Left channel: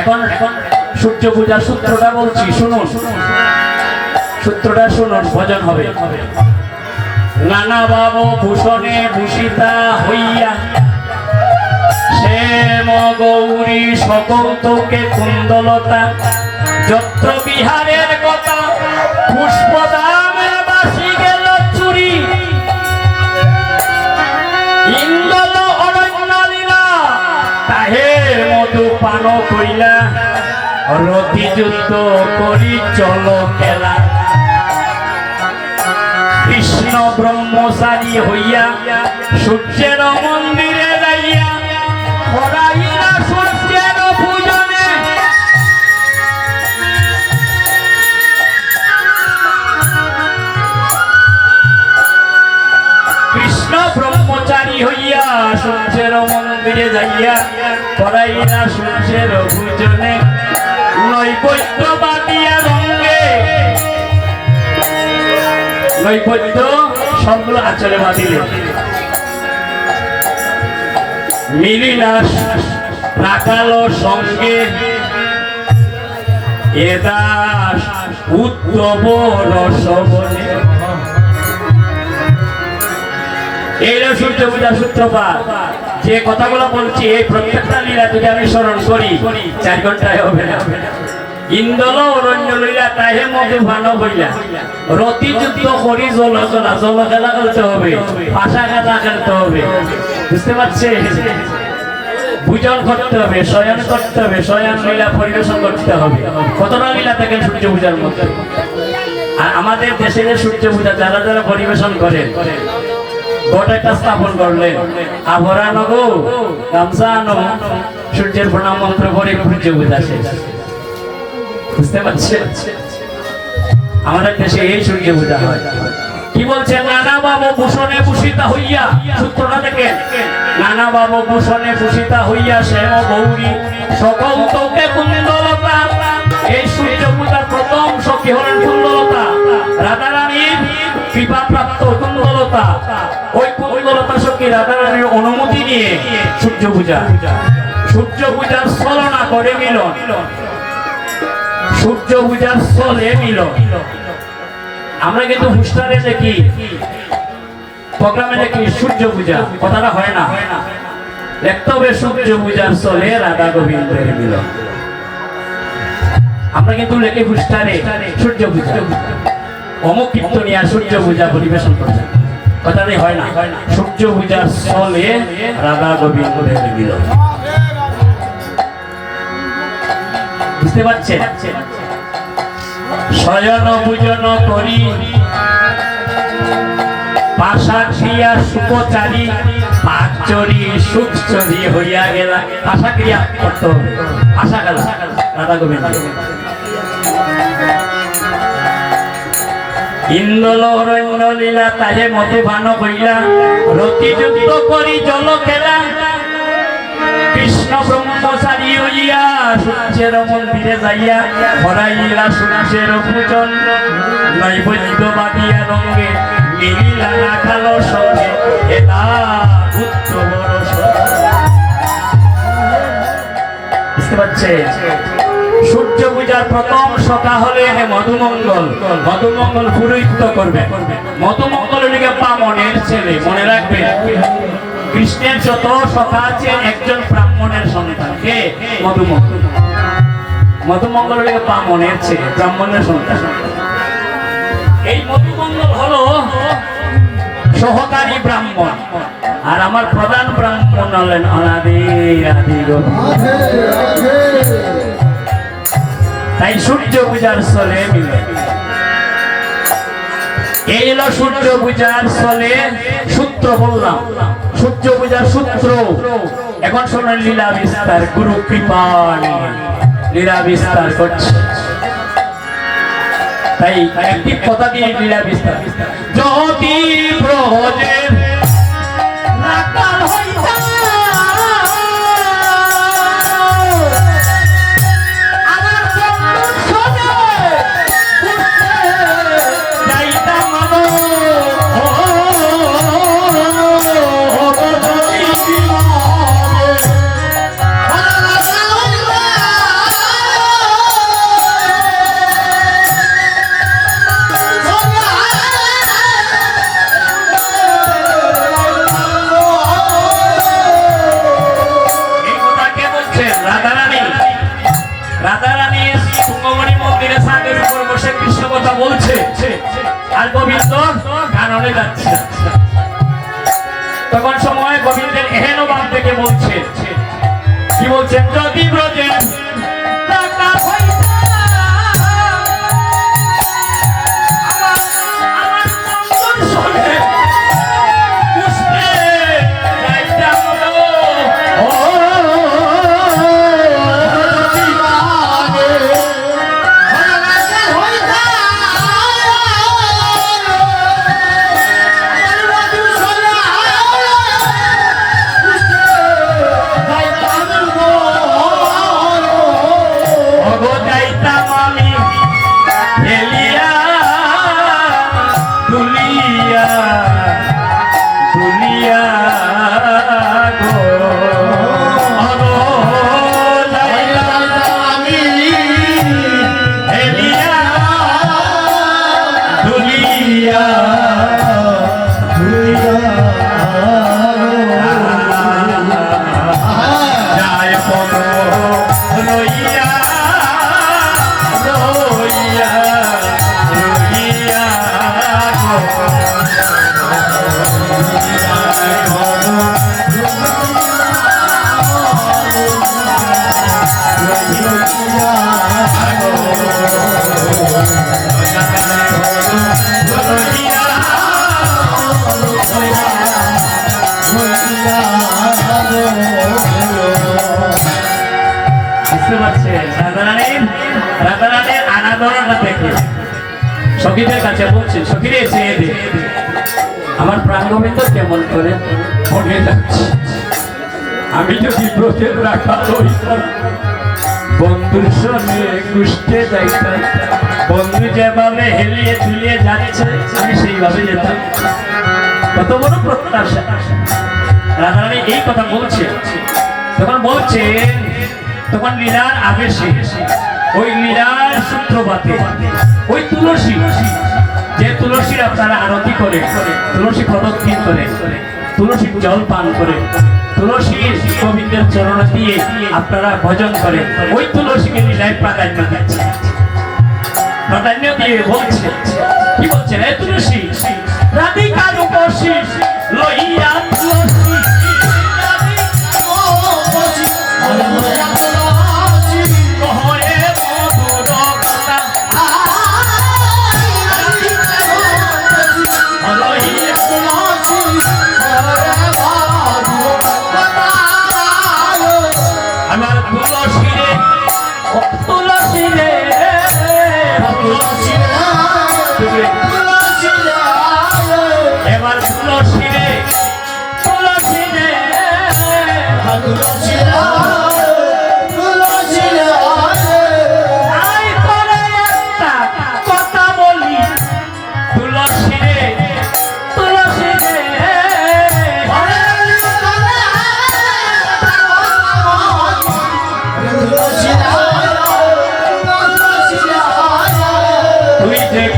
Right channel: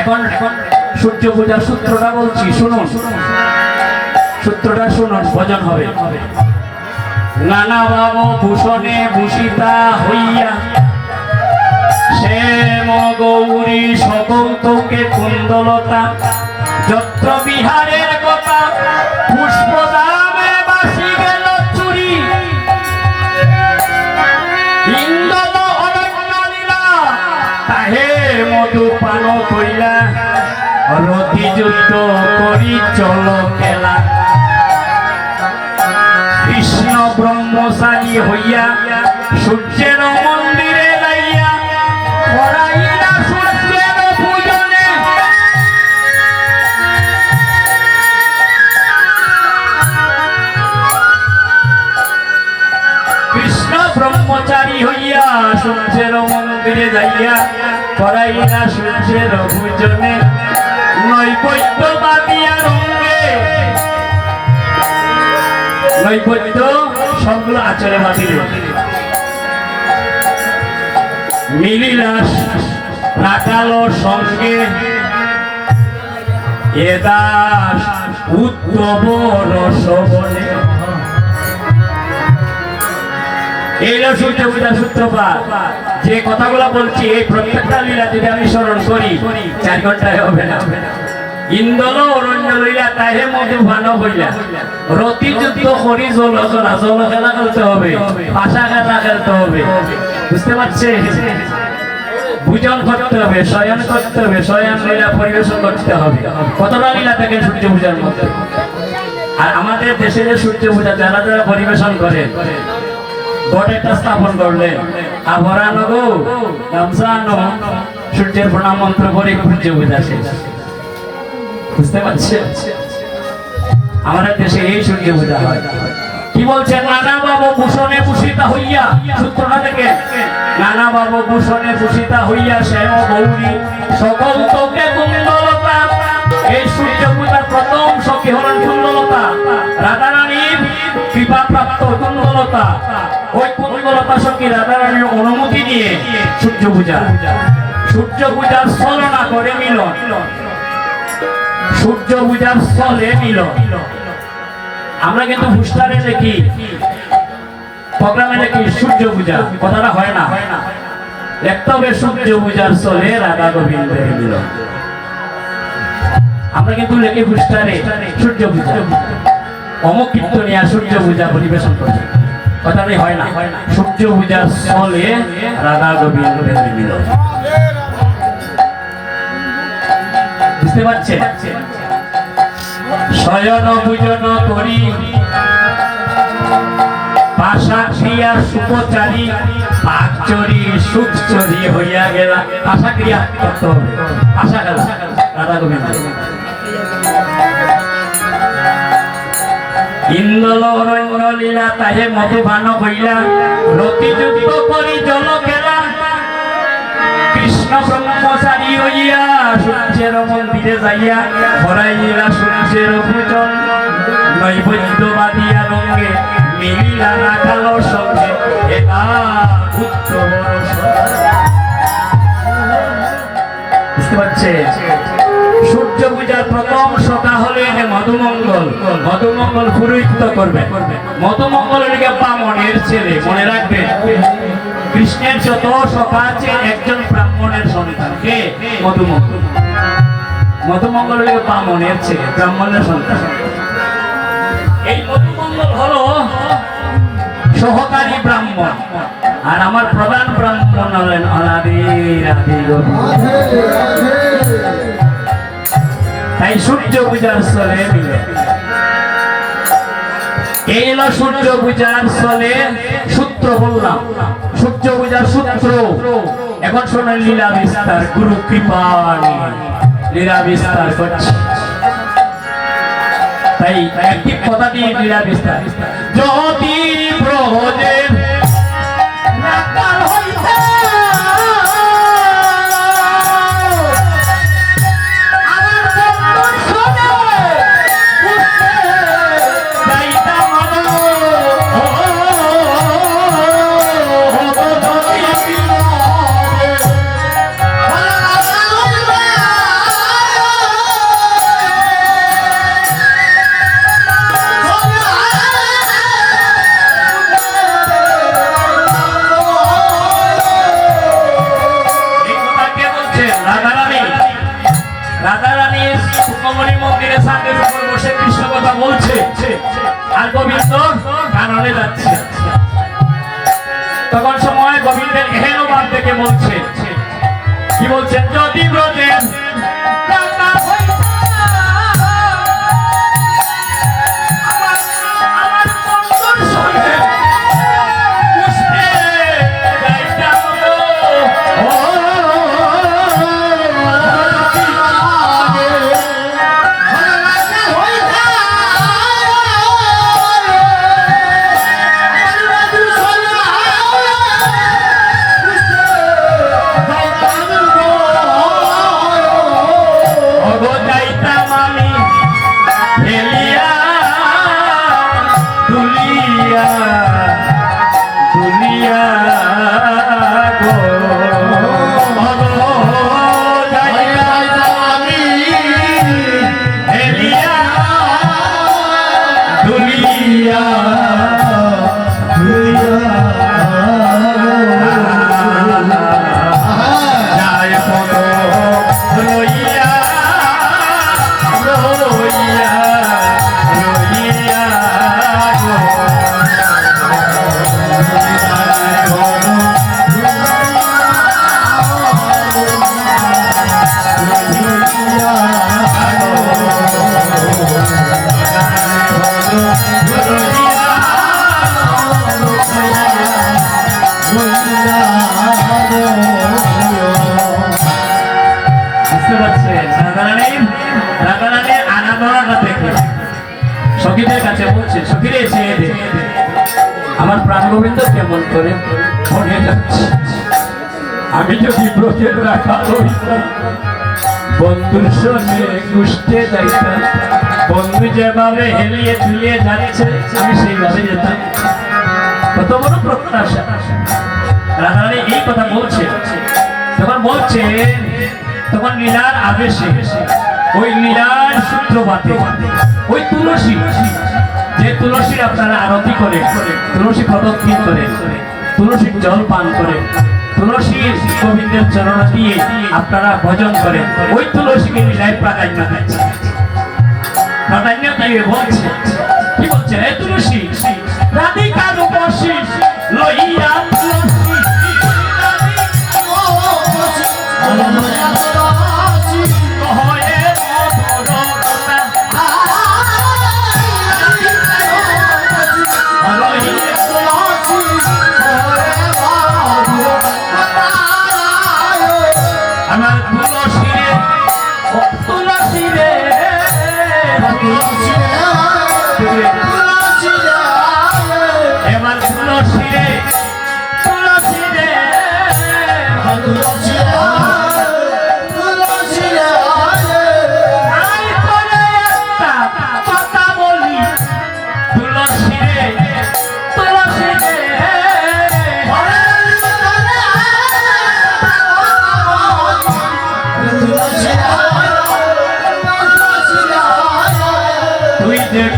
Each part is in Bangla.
এখন সূর্য পূজার সূত্রটা বলছি, শুনুন সূত্রটা, শুনুন ভজন হবে। নানা ভাব ভূষণে ভূষিতা হইয়া শ্যাম গৌরী সকৌতুকে কুন্দলতা যত্র বিহারের কথা পুষ্পদামে বাসি গেল চুরি ইন্দ্র অরণ্য লীলা তাহে মধু পান কইলা রতি যুদ্ধ করি চল খেলা। কৃষ্ণ ব্রহ্মচারী হইয়া সূর্যের মন্দিরে যাইয়া করাইলা সূর্যের পূজনে কৃষ্ণ ব্রহ্মচারী হইয়া সূর্যের মন্দিরে যাইয়া করাইলা সূর্যের পূজনে নৈবেদ্য বাদিয়া রঙ্গে নৈবেদ্য সবগুলো আচরে বাদিলে মিলিলা রাখালো সঙ্গে এ দাস উত্তম রসবনে। এইটা সূর্য পূজা সূত্রপাত। যে কথাগুলো বলছি এই প্রত্যেকটা লীলা যদি আমি স্মরণ করি 4 ঘন্টায় হবে না। ইন্দল অরণ্য লইলা তাহে মধু ভান হইলা রতি যুদ্ধ করি জল খেলা খেলতে হবে, পাশা খেলা খেলতে হবে, বুঝতে পারছে? ভোজন করতে হবে, শয়ন করতে হবে, শয়ন লীলা পরিবেশন করতে হবে। কতটা লীলা থাকে সূর্য পূজার মধ্যে। আর আমাদের দেশের সূর্য পূজা যারা যারা পরিবেশন করেন ঘটেটা স্থাপন করলেন আভরণ গো গামছা আনো সূর্যের প্রণাম মন্ত্র করে সূর্য পূজা শেষ, বুঝতে পারছে? আমাদের দেশে এই সূর্য পূজা হয়। কি বলছে? নানা বাবু ভূষণে ভূষিতা হইয়া, সূত্রটা দেখেন, নানা বাবু ভূষণে ভূষিতা হইয়া শ্যাম গৌরী সকল তোকে কুন্দলতা। এই সূর্য পূজার প্রথম সখী হলেন কুন্দলতা, রাধারানীর কৃপাপ্রাপ্ত কুন্দলতা। ওই কুন্দলতা সখী রাধারানীর অনুমতি নিয়ে সূর্য পূজা, সূর্য পূজার ছলনা করে মিলন, সূর্য পূজার স্থলে মিলন। আমরা কিন্তু হুস্টারে দেখি, প্রোগ্রামে দেখি সূর্য পূজা, কথাটা হয় না। দেখতে হবে সূর্য পূজার স্থলে রাধা গোবিন্দের মিলন। আমরা কিন্তু লেখি হুস্টারে সূর্য পূজা, অমুক কীর্তনিয়া সূর্য পূজা পরিবেশন করছে, কথাটাই হয় না। সূর্য পূজার স্থলে রাধা গোবিন্দের মিলন, বুঝতে পারছেন? শয়ন পূজন করি পাশা ক্রিয়া সুপচারী পাঁচচরি সুখচরি হইয়া গেলা। পাশা ক্রিয়া করতে হবে, পাশা গেলা রাধা গোবিন্দ। ইন্দ্র অরণ্য লীলা তাহে মধুবান হইলা রতি যুদ্ধ করি জল খেলা। কৃষ্ণ ব্রহ্মচারী হইয়া সূর্যের মন্দিরে যাইয়া করাইলা সূর্যের পূজন নৈবেদ্য বাদিয়া রঙ্গে মিলিলা রাখালো সঙ্গে এটা উত্তম রসবনে। বুঝতে পারছে? সূর্য পূজার প্রথম সখা হলে মধুমঙ্গল। মধুমঙ্গল পুরোহিত্য করবে। মধুমঙ্গল লিখে বামনের ছেলে, মনে রাখবে। কৃষ্ণের যত সখা আছে একজন ব্রাহ্মণের সন্তান, কে? মধুমঙ্গল। মধুমঙ্গল লিখে বামনের ছেলে, ব্রাহ্মণের সন্তান। এই মধুমঙ্গল হলো সহকারী ব্রাহ্মণ, আর আমার প্রধান ব্রাহ্মণ হলেন অনাদি আদি গোবিন্দ। তাই সূর্য পূজার স্থলে মিলে এই হলো সূর্য পূজার স্থলে সূত্র বললাম। সূর্য পূজার সূত্র এখন শোনেন লীলা বিস্তার। গুরু কৃপা লীলা বিস্তার করছে, তাই একটি কথা দিয়ে লীলা বিস্তার। যদি ব্রজের রাখাল হইতা বসে কৃষ্ণ কথা বলছে আর গোবিন্দ কাননে যাচ্ছে। তখন সময় গোবিন্দের এহেন ভাব দেখে বলছে, কি বলছেন, যদি ব্রজের সখীদের কাছে বলছে, সখীরে চেয়ে দে, আমার প্রাণ গোবিন্দ কেমন করে মনে যাচ্ছে। আমি যদি ব্রতের রাখা হইতাম, বন্ধুর সঙ্গে কুষ্টে যাইতাম, বন্ধু যেভাবে হেলিয়ে ঝুলিয়ে যাচ্ছে আমি সেইভাবে যেতাম। কত বড় প্রত্যাশা। রাধারানী এই কথা বলছে, তখন বলছে, তখন লীলার আবেশে ওই লীলার সূত্রপাতে ওই তুলসী, যে তুলসীর আপনারা আরতি করে, তুলসী প্রদক্ষিণ করে, তুলসীর জল পান করে, তুলসীর গোবিন্দের চরণ দিয়ে আপনারা ভজন করেন, ওই তুলসীকে লীলায় প্রাধান্য দিচ্ছে। প্রাধান্য দিয়ে বলছে, কি বলছে, হে তুলসী রাধিকা রূপসী লইয়া তুলসী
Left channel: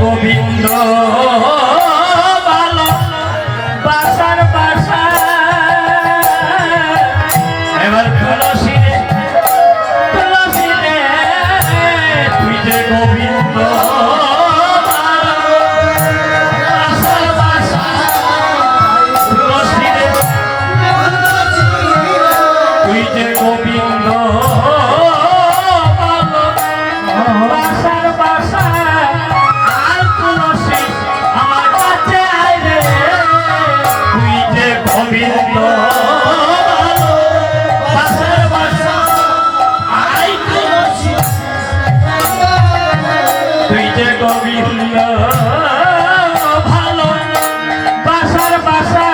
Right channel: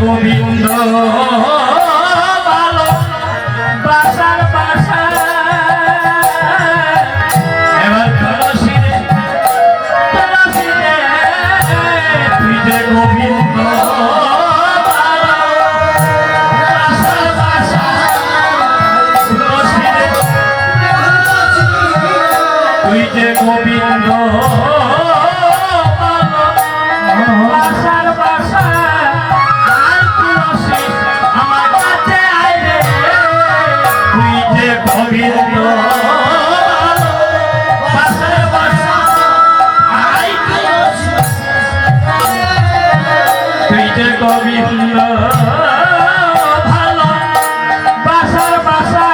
গোবিন্দ ভালো বাসার বাসা। এবার তুলসী রে, তুলসী রে, তুই যে গোবিন্দ ভালো বাসার বাসা। তুলসী রে, তুই যে গোবিন্দ ভালো বাসার বাসা। গোবিন্দ বাসার বাসা, আই তুই যে গোবিন্দ ভালো বাসার বাসা,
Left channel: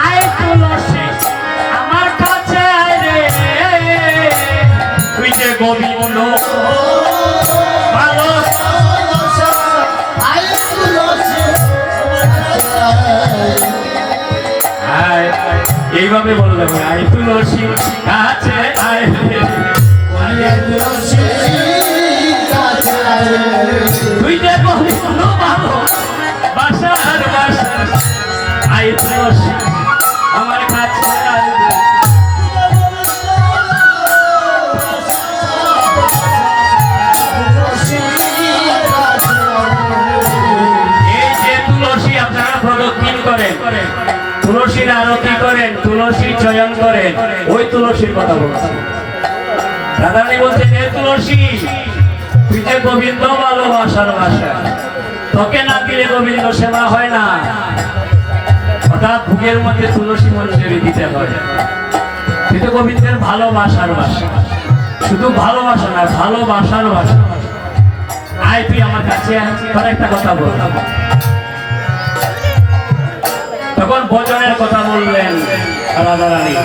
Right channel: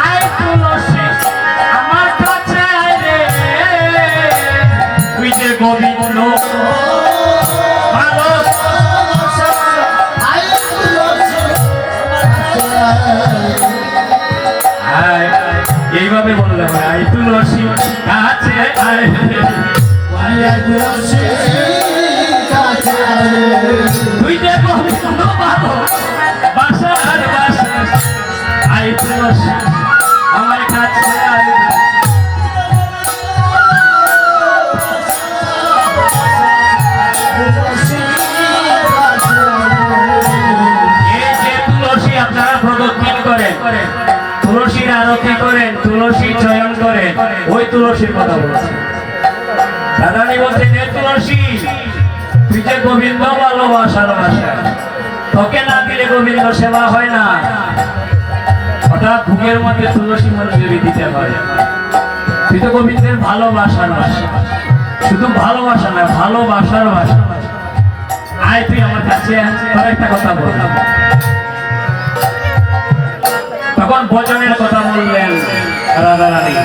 আয় তুলসী আমার কাছে আয় রে, তুই যে গোবিন্দ ভালো এইভাবে বললাম, আয় তুলসী কাছে আয়, তুই যে গোবিন্দ তুলসীর কথা বলছি। রাধারানী বলছেন, হে তুলসী, তুই যে গোবিন্দ ভালোবাসার ভাষা, তোকে না দিলে গোবিন্দ সেবা হয় না। হঠাৎ ভুগের মধ্যে তুলসী মঞ্জুরি দিতে হয়। তুই তো গোবিন্দের ভালোবাসার ভাষা, শুধু ভালোবাসা না, ভালোবাসার ভাষা। আয় তুই আমার কাছে, তোর একটা কথা বললাম। তখন ভজনের কথা বললেন রাধারানী।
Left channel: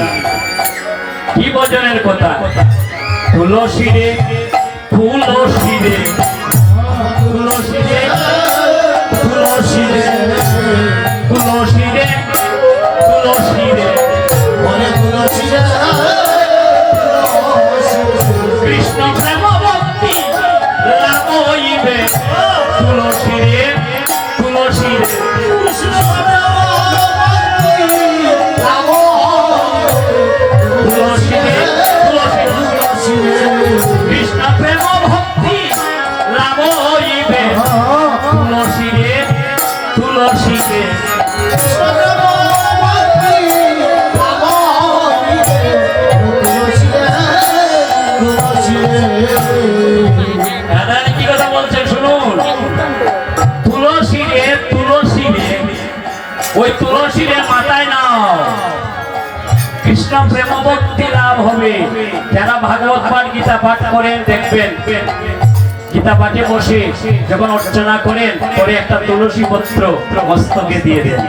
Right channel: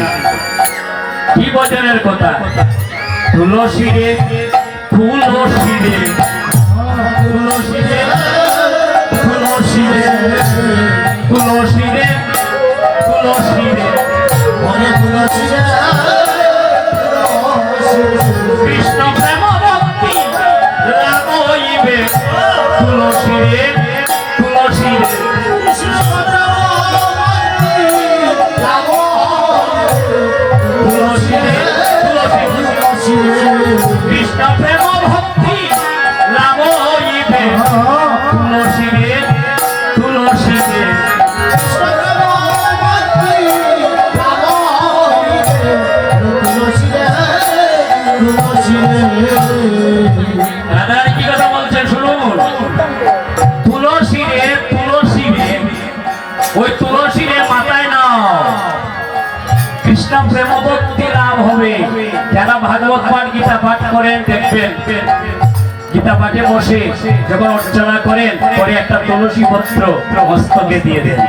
কি ভজনের কথা? তুলসী রে, তুলসী রে, তুলসী রে, তুলসী রে, তুলসী রে, তুলসী রে, কৃষ্ণ প্রেম ভক্তি লাভ হইবে। তুলসী রে, তুলসী রে, তুলসী রে, তুলসী রে, কৃষ্ণ প্রেম ভক্তি লাভ হইবে। তুলসী রে, তুলসী রে, রাধারানী কি কথা বলছেন শুনুন। তুলসী রে, তুলসী রে, ওই তুলসী রে মাথায় নাও, কৃষ্ণ প্রেম ভক্তি লাভ হবে। যারা ভাগবত পাঠ, গীতা পাঠ করেন দেখবেন, গীতা পাঠে বসে যখন অর্চনা করেন, পরে একটা তুলসী পত্র মস্তকে দিয়ে দেন।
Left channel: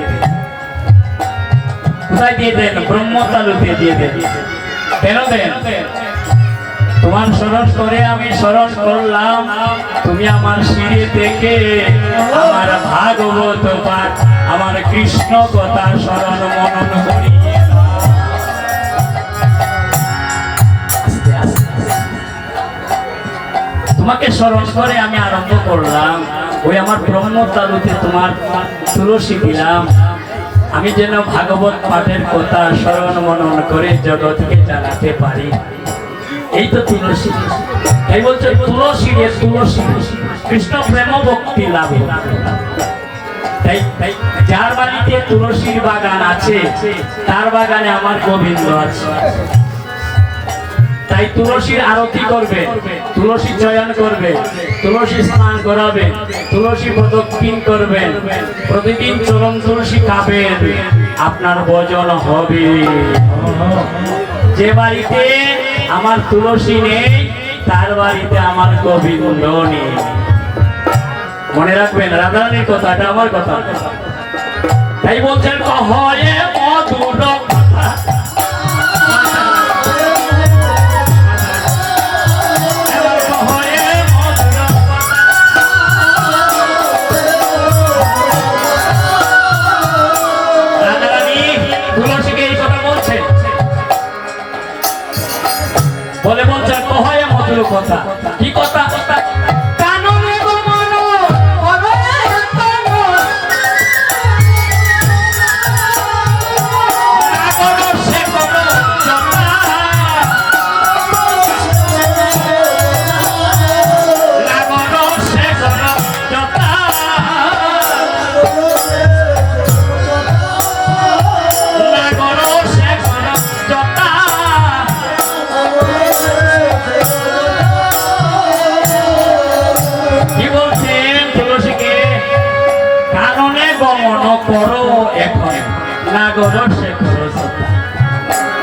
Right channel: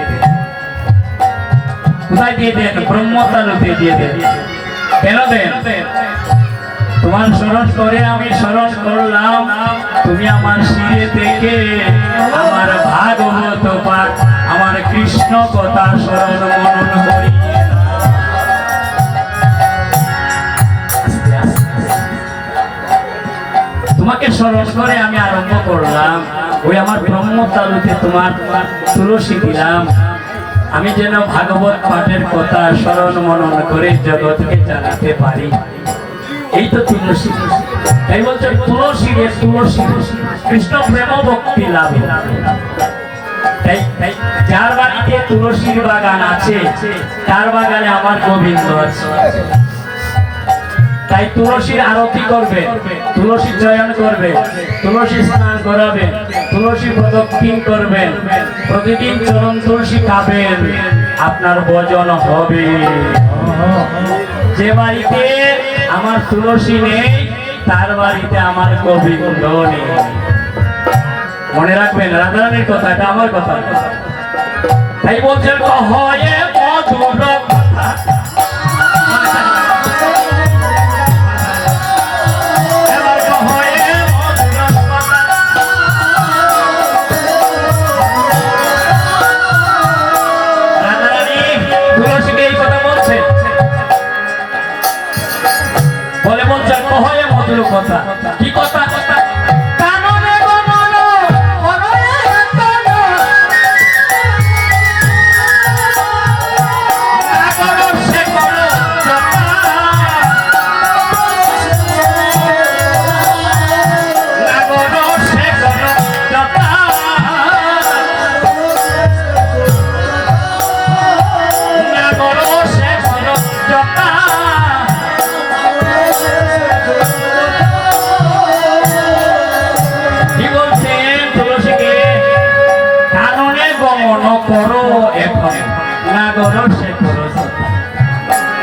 কোথায় দিয়ে দেন? ব্রহ্মতালুতে দিয়ে দেন। কেন দেন? তোমার স্মরণ করে আমি স্মরণ করলাম, তুমি আমার শিরে থেকে আমার ভাগবত পাঠ, আমার কৃষ্ণ কথা স্মরণ মনন করি। তোমাকে স্মরণ করে আমি আরম্ভ করলাম, ওই আমার ব্রহ্মতালুতে তোমার তুলসী দিলাম, আমি যেন ভাগবত পাঠের কথা স্মরণ মনন করে জগৎকে জানাতে পারি। এই তো তুলসী। তাই বলছে তুলসী রে, তুলসী, কৃষ্ণ প্রেম ভক্তি লাভ। তাই যার বাড়িতে তুলসীর বাগান আছে, তার বাগানে আমার গোবিন্দ আছে। তাই তুলসীর আরতি করবে, তুলসী চয়ন করবে, তুলসী স্নান করাবে, তুলসী প্রদক্ষিণ করবেন, প্রতিদিন চরণ তুলসী খাবেন, আপনার ভজন হবে। যে বাড়িতে আমার তুলসী নেই, তার বাড়িতে আমার গোবিন্দ নেই। মনে রাখবেন রাধারানীর কথা, এটা আমার কথা। তাই বলছেন কহয়ে মধুর কথা, রাধারানী তুলসীকে এই কথা বলছেন, বলে বলছেন কহয়ে মধুর কথা। কি কথা?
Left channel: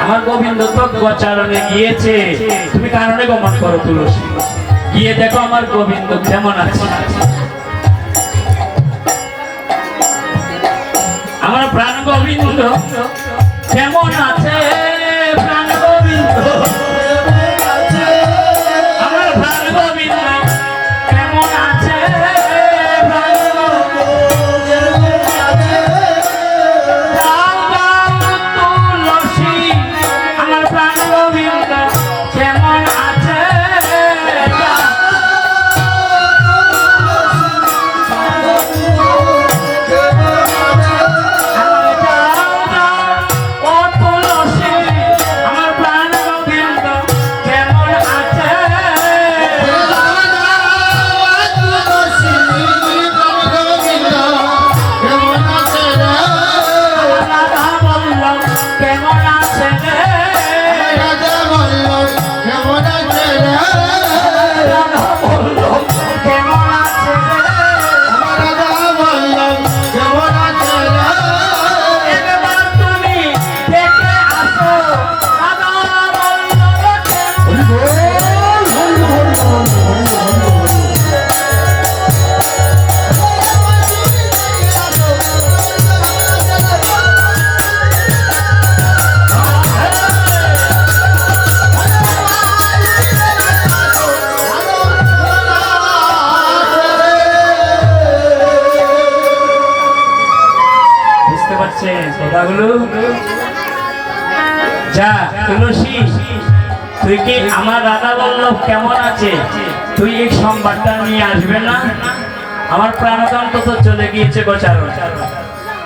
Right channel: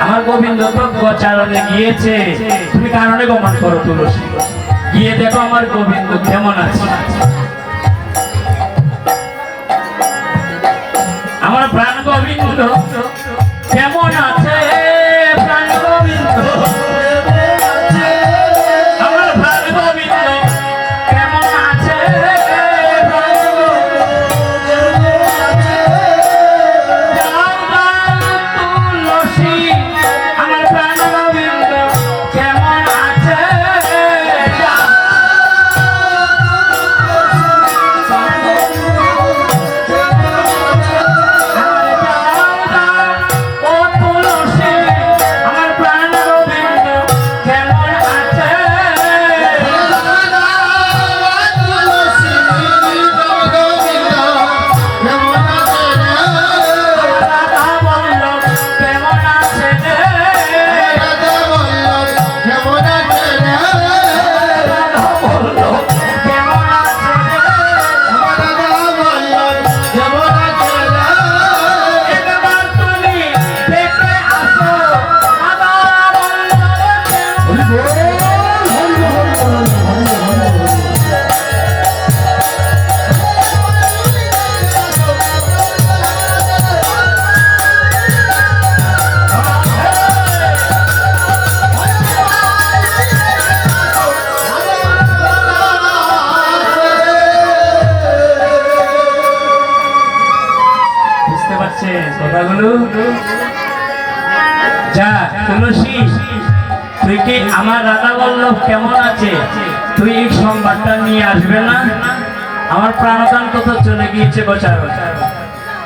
আমার গোবিন্দ তো গোচারণে গিয়েছে, তুমি কারণে গমন করো তুলসী, গিয়ে দেখো আমার গোবিন্দ কেমন আছে। আমার প্রাণ গোবিন্দ কেমন আছে? প্রাণ গোবিন্দ, আমার প্রাণ গোবিন্দ কেমন আছে? কথাগুলো যা তুলসী, তুই কি আমার রাধা বল্লভ কেমন আছে তুই এই সংবাদটা নিয়ে আসবে না? আমার প্রাণকান্ত তো চলে গিয়েছে গোচার,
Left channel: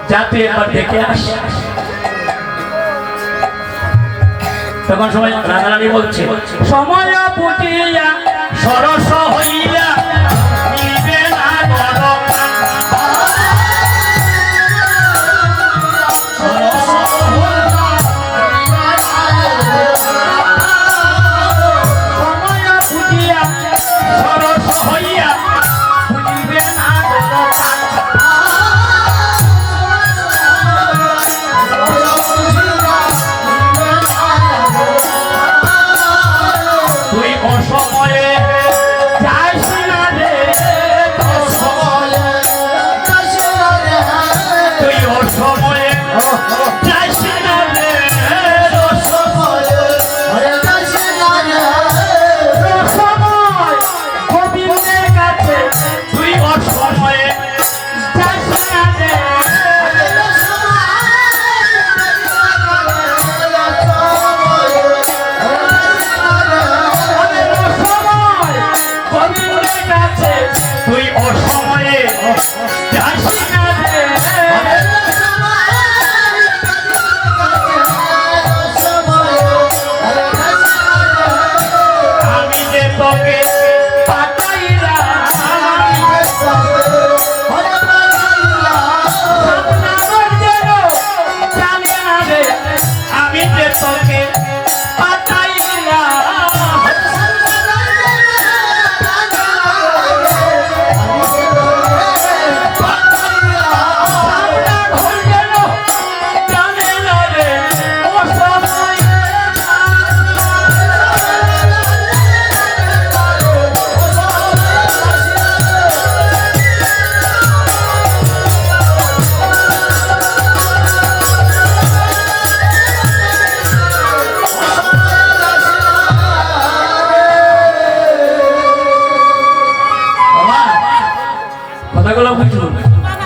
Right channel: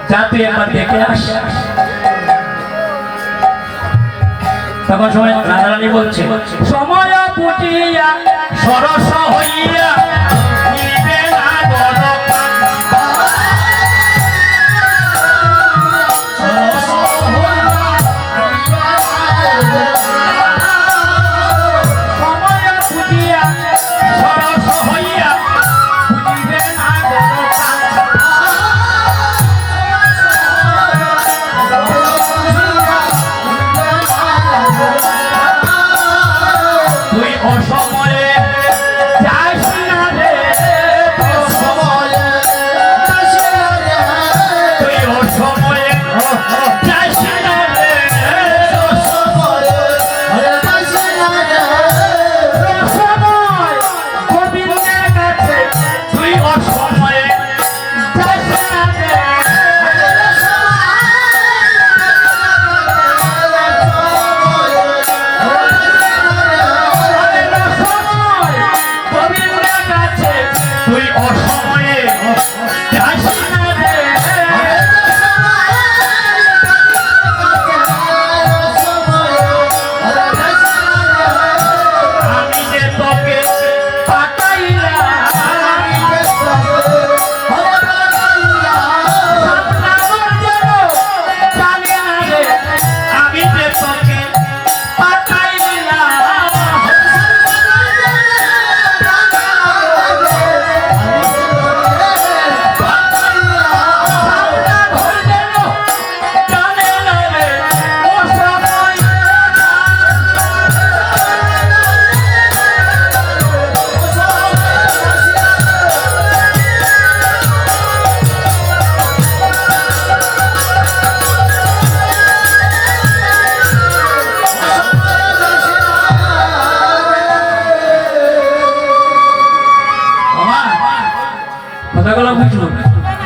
যা তুই একবার দেখে আস। তখন সময় রাধারানী বলছে, সময় পুটিয়া সরস হইয়া মিলিবে না বড়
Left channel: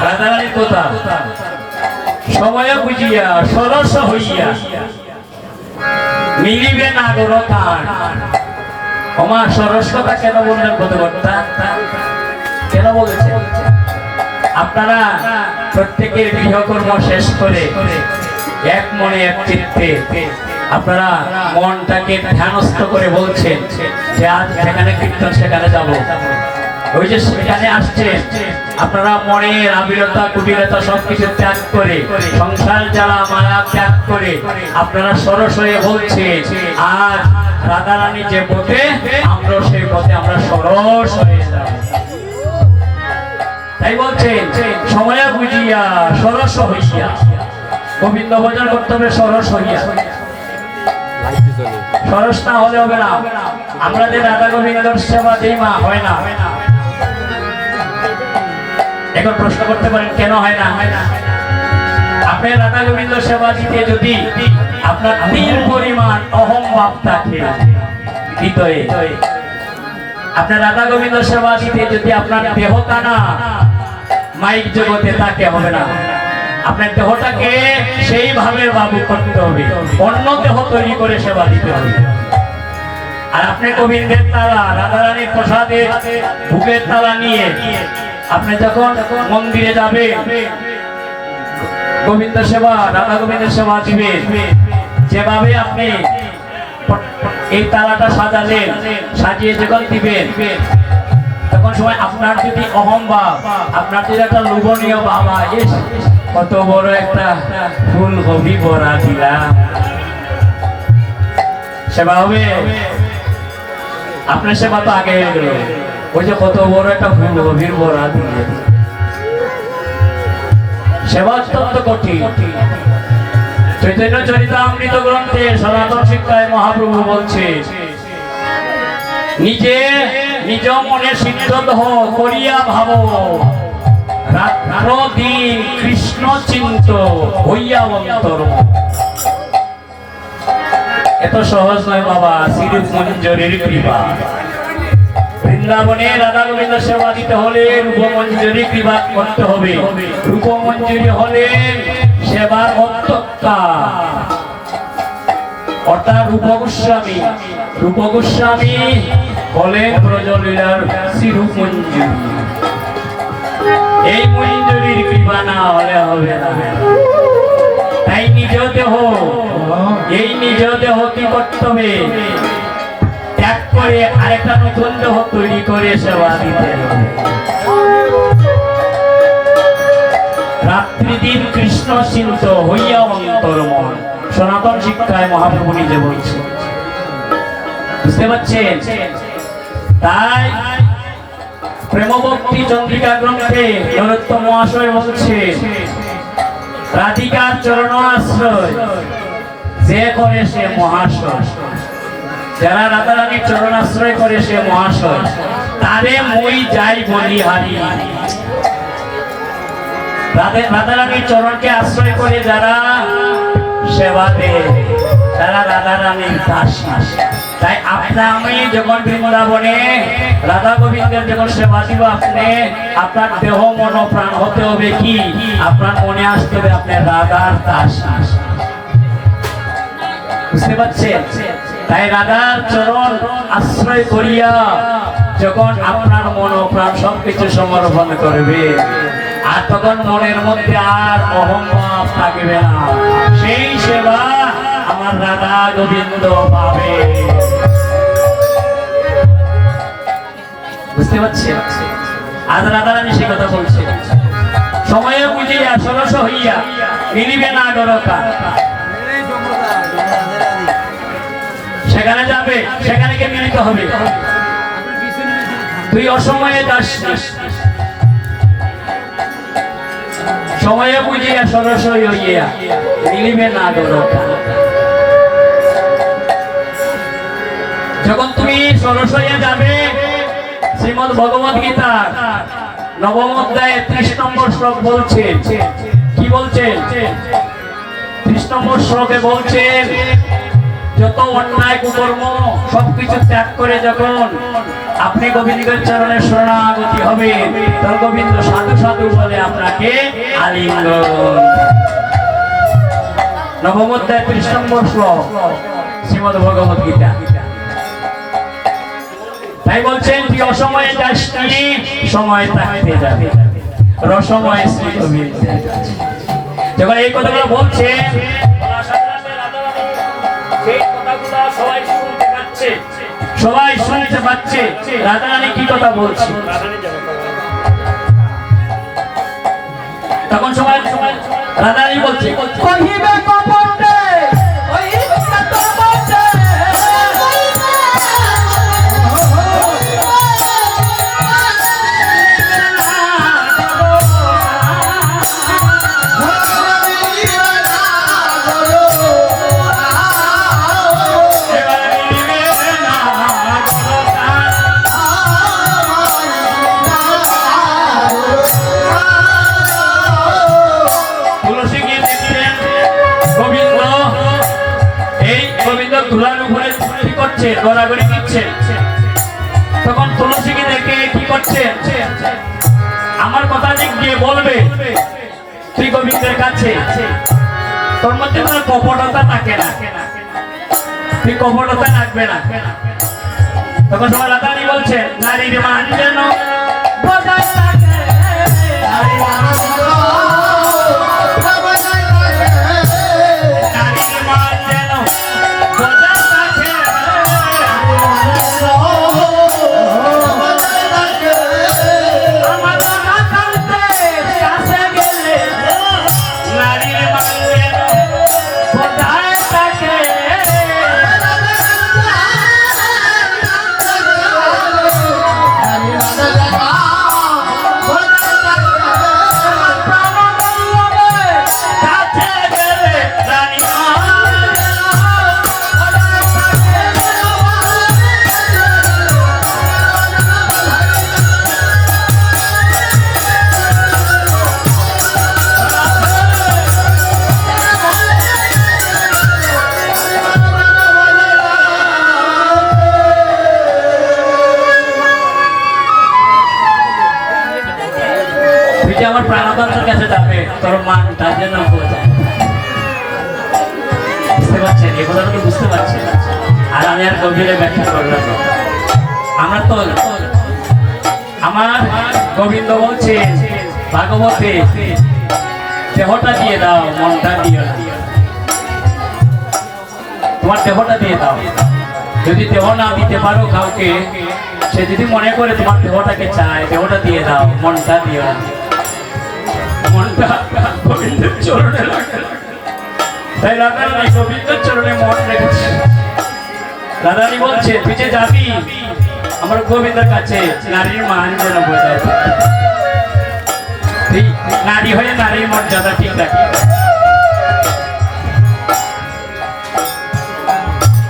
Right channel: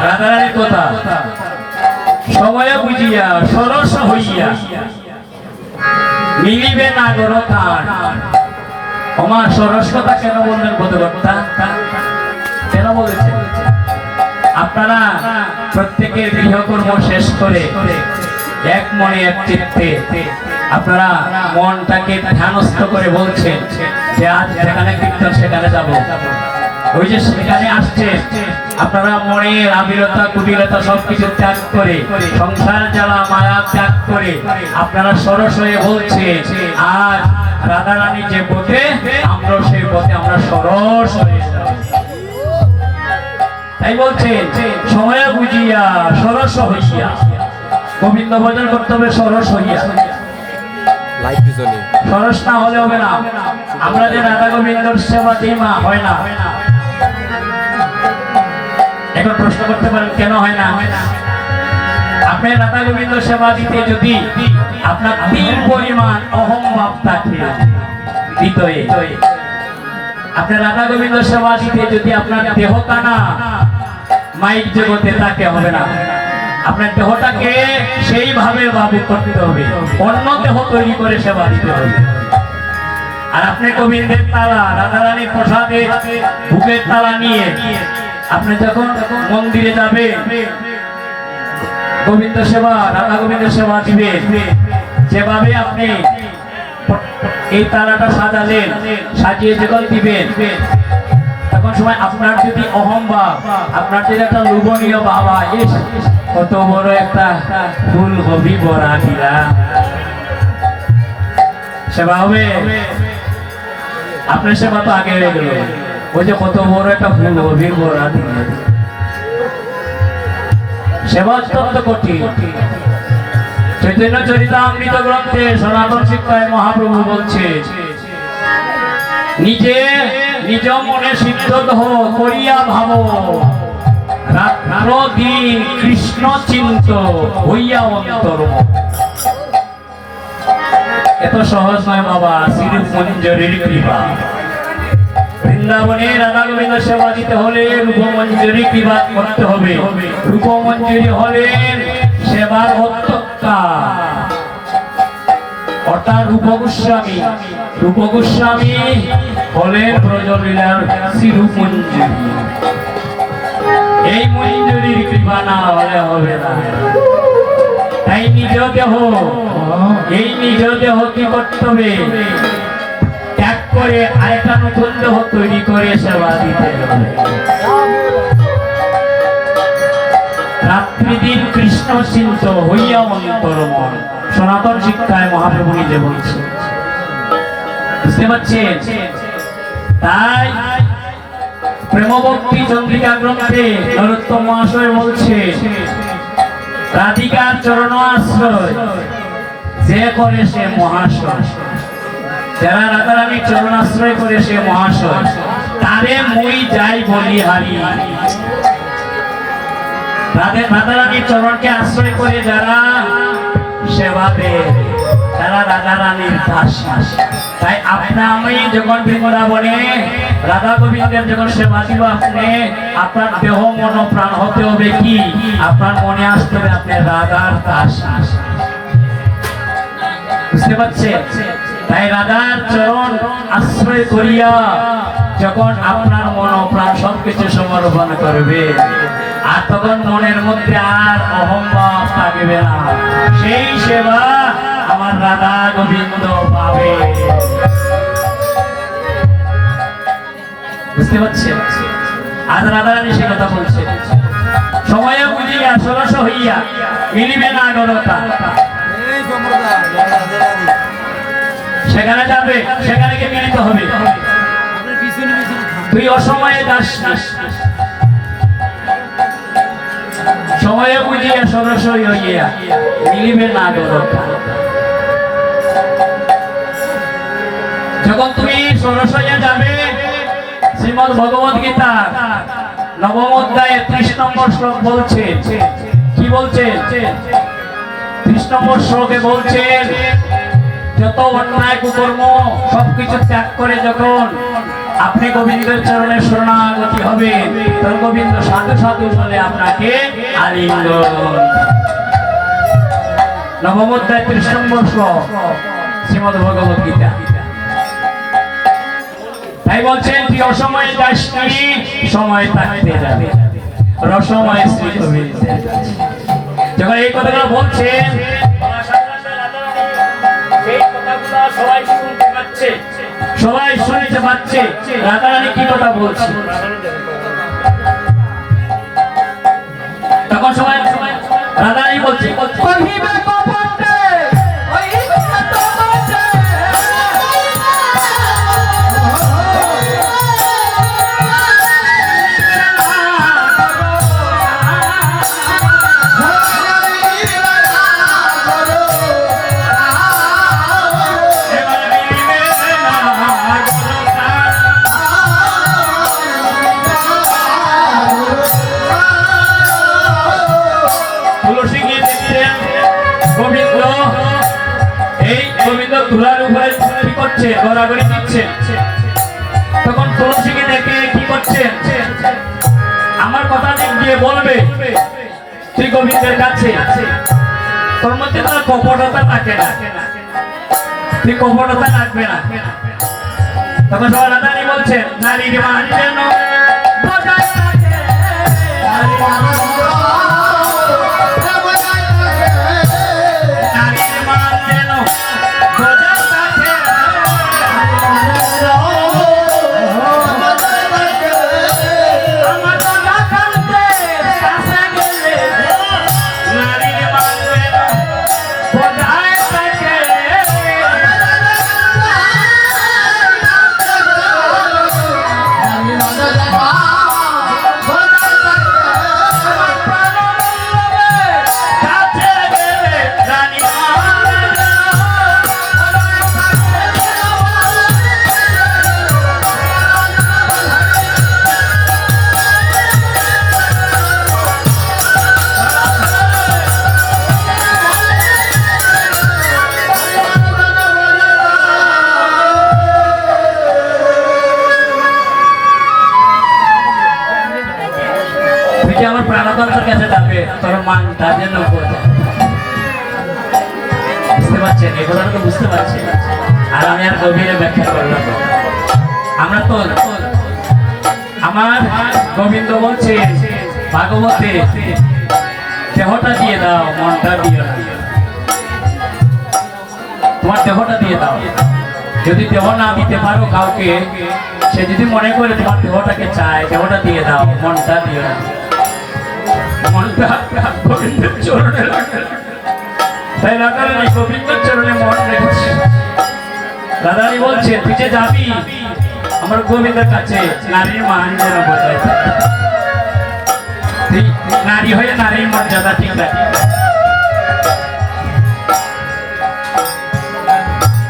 রাধারানীর কথা সময় বুঝিয়া সরস হইয়া মিলিবে না দরকার। আমার সরস কথা কেন বললেন বোধকর্তা? কেন বলেছে? আপনারা প্রত্যেকের গৃহকর্ম শেষ করে এক মনে এক চিত্তে আপনারা মনটাকে ধ্যানস্থ করে বলছেন যে আজ যেখানে কীর্তন সেখানে যাব। ওই যে সেখানে আসছে আপনারা মনের আবিরতা কুটিরতা সবকিছু ত্যাগ করে সংসার যারা মায়া ত্যাগ করে আপনারা সরস হয়ে বলছে আজ রাধারানী যে পথে আমরা সেই পথে আমরা সরস হয়ে যাব। তাই বলছেন সময় বুঝিয়া সরস হইয়া গোবিন্দ ভজন করতে হবে সরস হইয়া। সরস না হলে হবে না। আমরা যে রাধা গোবিন্দর সেবা দিই মা হয় না। এখন প্রশ্ন করতে পারেন কেন হয় না? আপনি রাধা গোবিন্দ সেবা দিতে যদি আপনার তিল পরিমাণ অহং ভাব থাকে হৃদয়ে, আপনি রাধা গোবিন্দ সেবা দিতে যদি আপনার দেহটা না মাইক জগতে তাকে হবে না। আপনার দেহটাকে সেইভাবে বাবু করতে হবে, অন্য দেহ তৈরি করে সেবা দিতে হবে। আর আপনি গোবিন্দের তালা রাধারানী প্রসাদে ভোগের তালা নিয়ে আপনি যখন মন্দিরে যাবে গোবিন্দ সেবা রাধা গোবিন্দ সেবা দিবে, যেভাবে আপনি এই তালাটা সাজালেন সাজিয়ে যখন দিবেন তখন সময় আপনার যদি অহংভাব আপনার যদি একটা লোভনীয় বাবা কত বড় একটা ফুল হবি বড়া দিলাম সেবা হবে। আপনার সেবা তো আগে হয়ে গেল, ওই যে কত বড় একটা ফুল হবির বড়া দিলে সেবা অত্যন্ত কঠিন। চৈতন্য চরিতামৃত গ্রন্থে সনাতন শিক্ষায় মহাপ্রভু বলছে নিজে নিজ মনে সিদ্ধ করিয়া ভাব রাত্র দিন কৃষ্ণ চিন্ত হইয়া অন্তর। এত সহজ নয় বাবা, শ্রীরূপ মঞ্জুরির কৃপা। বৃন্দাবনে রাধা গোবিন্দ সেবা দিতে হলে রূপমঞ্জুরি কৃপা করতে হবে। রূপমঞ্জুরি হলে সেবার অধ্যক্ষা অর্থাৎ রূপগোস্বামী। রূপগোস্বামী হলেন ব্রজলীলার শ্রীরূপ মঞ্জুরি। এই মঞ্জুরির কৃপা না হলে হবে না। তাই নিজ দেহ, এই নিজ দেহ কি করতে হবে? ত্যাগ করে আরেকটা নতুন দেহ তৈরি করে সেবা দিতে হবে। রাত্রি দিন কৃষ্ণ চিন্ত হইয়া অন্তর মন, সনাতন শিক্ষায় মহাপ্রভু নিজে বলছে। বুঝতে পারছেন? তাই প্রেমভক্তি চন্দ্রিকা গ্রন্থে নরোত্তম মহাশয় বলছে, রাধিকার চরণ আশ্রয় যে করে সে মহাশয়। যারা রাধারানীর চরণ আশ্রয় করে সে মহাশয়, তারে মই যাই বলি হারি। রাধারানীর চরণকে আশ্রয় করে যারা সেবা দেয় তারা রাধারানীর দাসী। তাই আপনা আমি যখন বৃন্দাবনে রাধা গোবিন্দের যখন সেবা দিব, আপনি আপনার দেহ মন প্রাণ হতে হবে কি? আপনার মনে আসতে হবে আপনি রাধার দাসী। বুঝতে পারছেন? তাই রাধার চরণ আশ্রয় করিয়া যখন আপনার মন প্রাণ সবকিছু সমর্পণ করবে, আর তখন মনের মধ্যে আর অহংভাব থাকবে না। সেই সেবা আমার রাধা গোবিন্দ পাবে। বুঝতে পারছেন? আজ রাধারানী সে কথা বলছে, সময়ে বুঝিয়া সরস হইয়া মিলিবে না গলতা। সেখানে যাবে, সেখানে গিয়ে মিলিত হবে। তুই অসময়ে যাস না, সময়ে বুঝিয়া সরস হইয়া মিলিবে না গলতা। যখন তুমি সরস হইয়া যাবে, শ্রীমদ ভগবত গীতা নবম অধ্যায়ে 30 নম্বর শ্লোক বলছেন। কি বলছেন? 30 নম্বর শ্লোকে বলছেন, যত অন্যায় কুকর্ম সবকিছু ত্যাগ করে যখন আপনি গোবিন্দের চরণে শরণাগতি হবে, তখন গোবিন্দ সাধু সাধু বলে আপনাকে আলিঙ্গন। নবম অধ্যায় 30 নম্বর শ্লোক শ্রীমদ ভগবত গীতা। তাই বলছেন, তুই অসময়ে যাস নি, সময় থাকতে যাবে রসময় শ্রী গোবিন্দ। যখন এই কথাগুলো বলছেন, সবাই শুনতে পাচ্ছে, সবাই শুনতে পাচ্ছে রাধারানী কি কথা বলছে। তখন সবাই রাধারানী বলছে, ধুলার উপরে কি করছে? গড়াগড়ি দিচ্ছে। তখন তুলসীকে দেখে কি করছে? আমার কথা দিক দিয়ে বলবে শ্রী গোবিন্দের কাছে, তোর মধ্যে কোনো কপটতা থাকে না, তুই কপটতা রাখবে না। তখন সবাই রাধারানী বলছেন, নারীর মান যেন বজায় রাখে, নারীর মান যেন যাবে তোর মানটা যেন বোঝায়। বুঝতে পারছেন? এই কথাটা তো বুঝতে পারছেন। আর আমি আর গভীরে ব্যাখ্যা করলাম না। আমরা তো আমার গোবিন্দ বলছে ভাগবতে, দেহটা দিয়ে দাও, মনটা দিও না। তোমার দেহটা দিয়ে দাও। যদি দেহ না দিতে পারো কাউকে, সে যদি মনে করে তোমার দেহটাকে চায়, দেহটা দিয়ে দাও, মনটা দিও না। মনটা গোবিন্দের চরণে রাখে। তাই রাধারানী গোবিন্দের চরণে মন রেখেছে। রাধারানী বলছে তুই যে যাবি আমার গোবিন্দের কাছে, নারীর মান যেন বোঝায়। নারী হয়ে নারীর মর্যাদা ঠিক রাখি।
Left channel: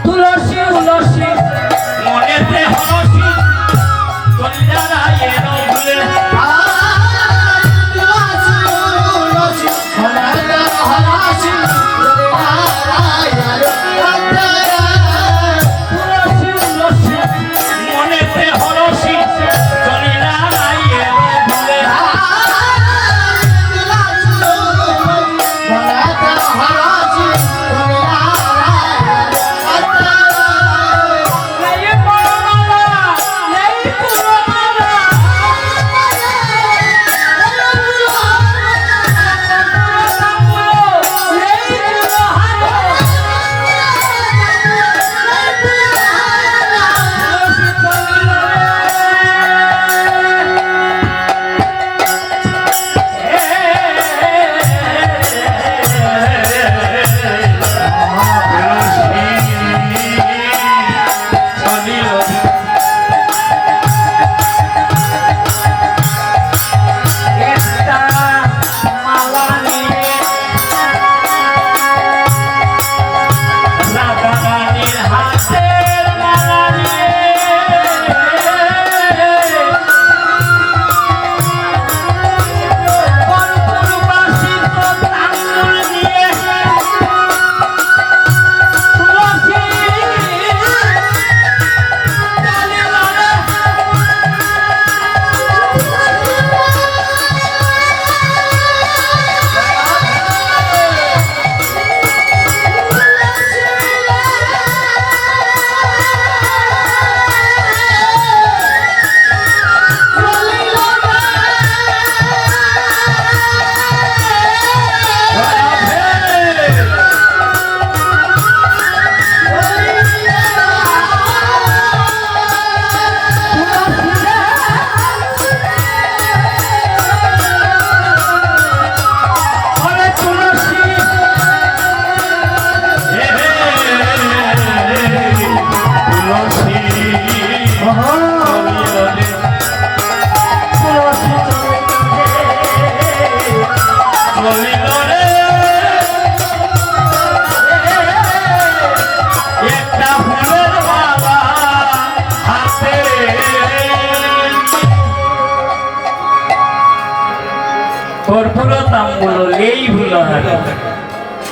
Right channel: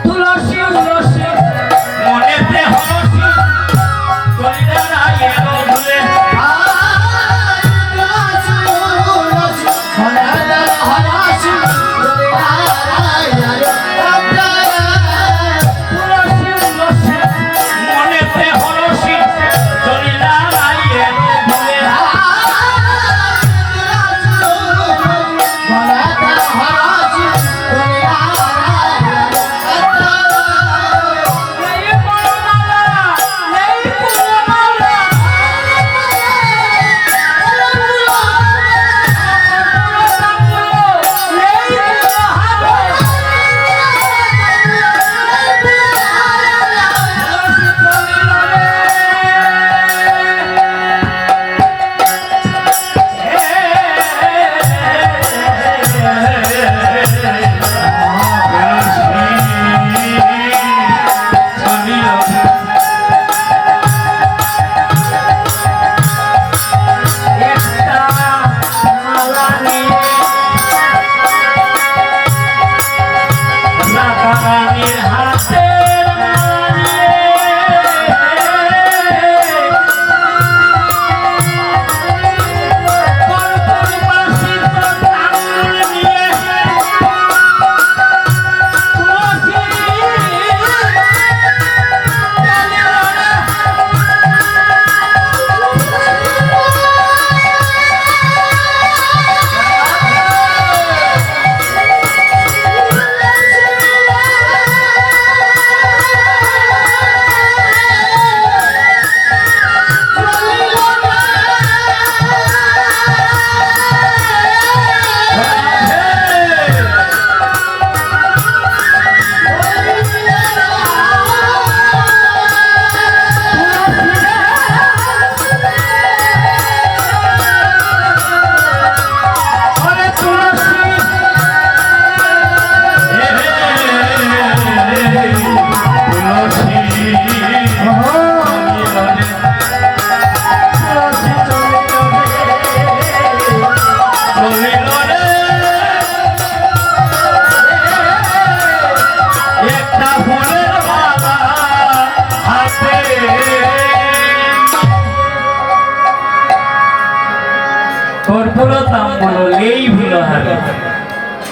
তুলসী তুলসী মনেতে হরসি কলিদারায়ের ভুলে।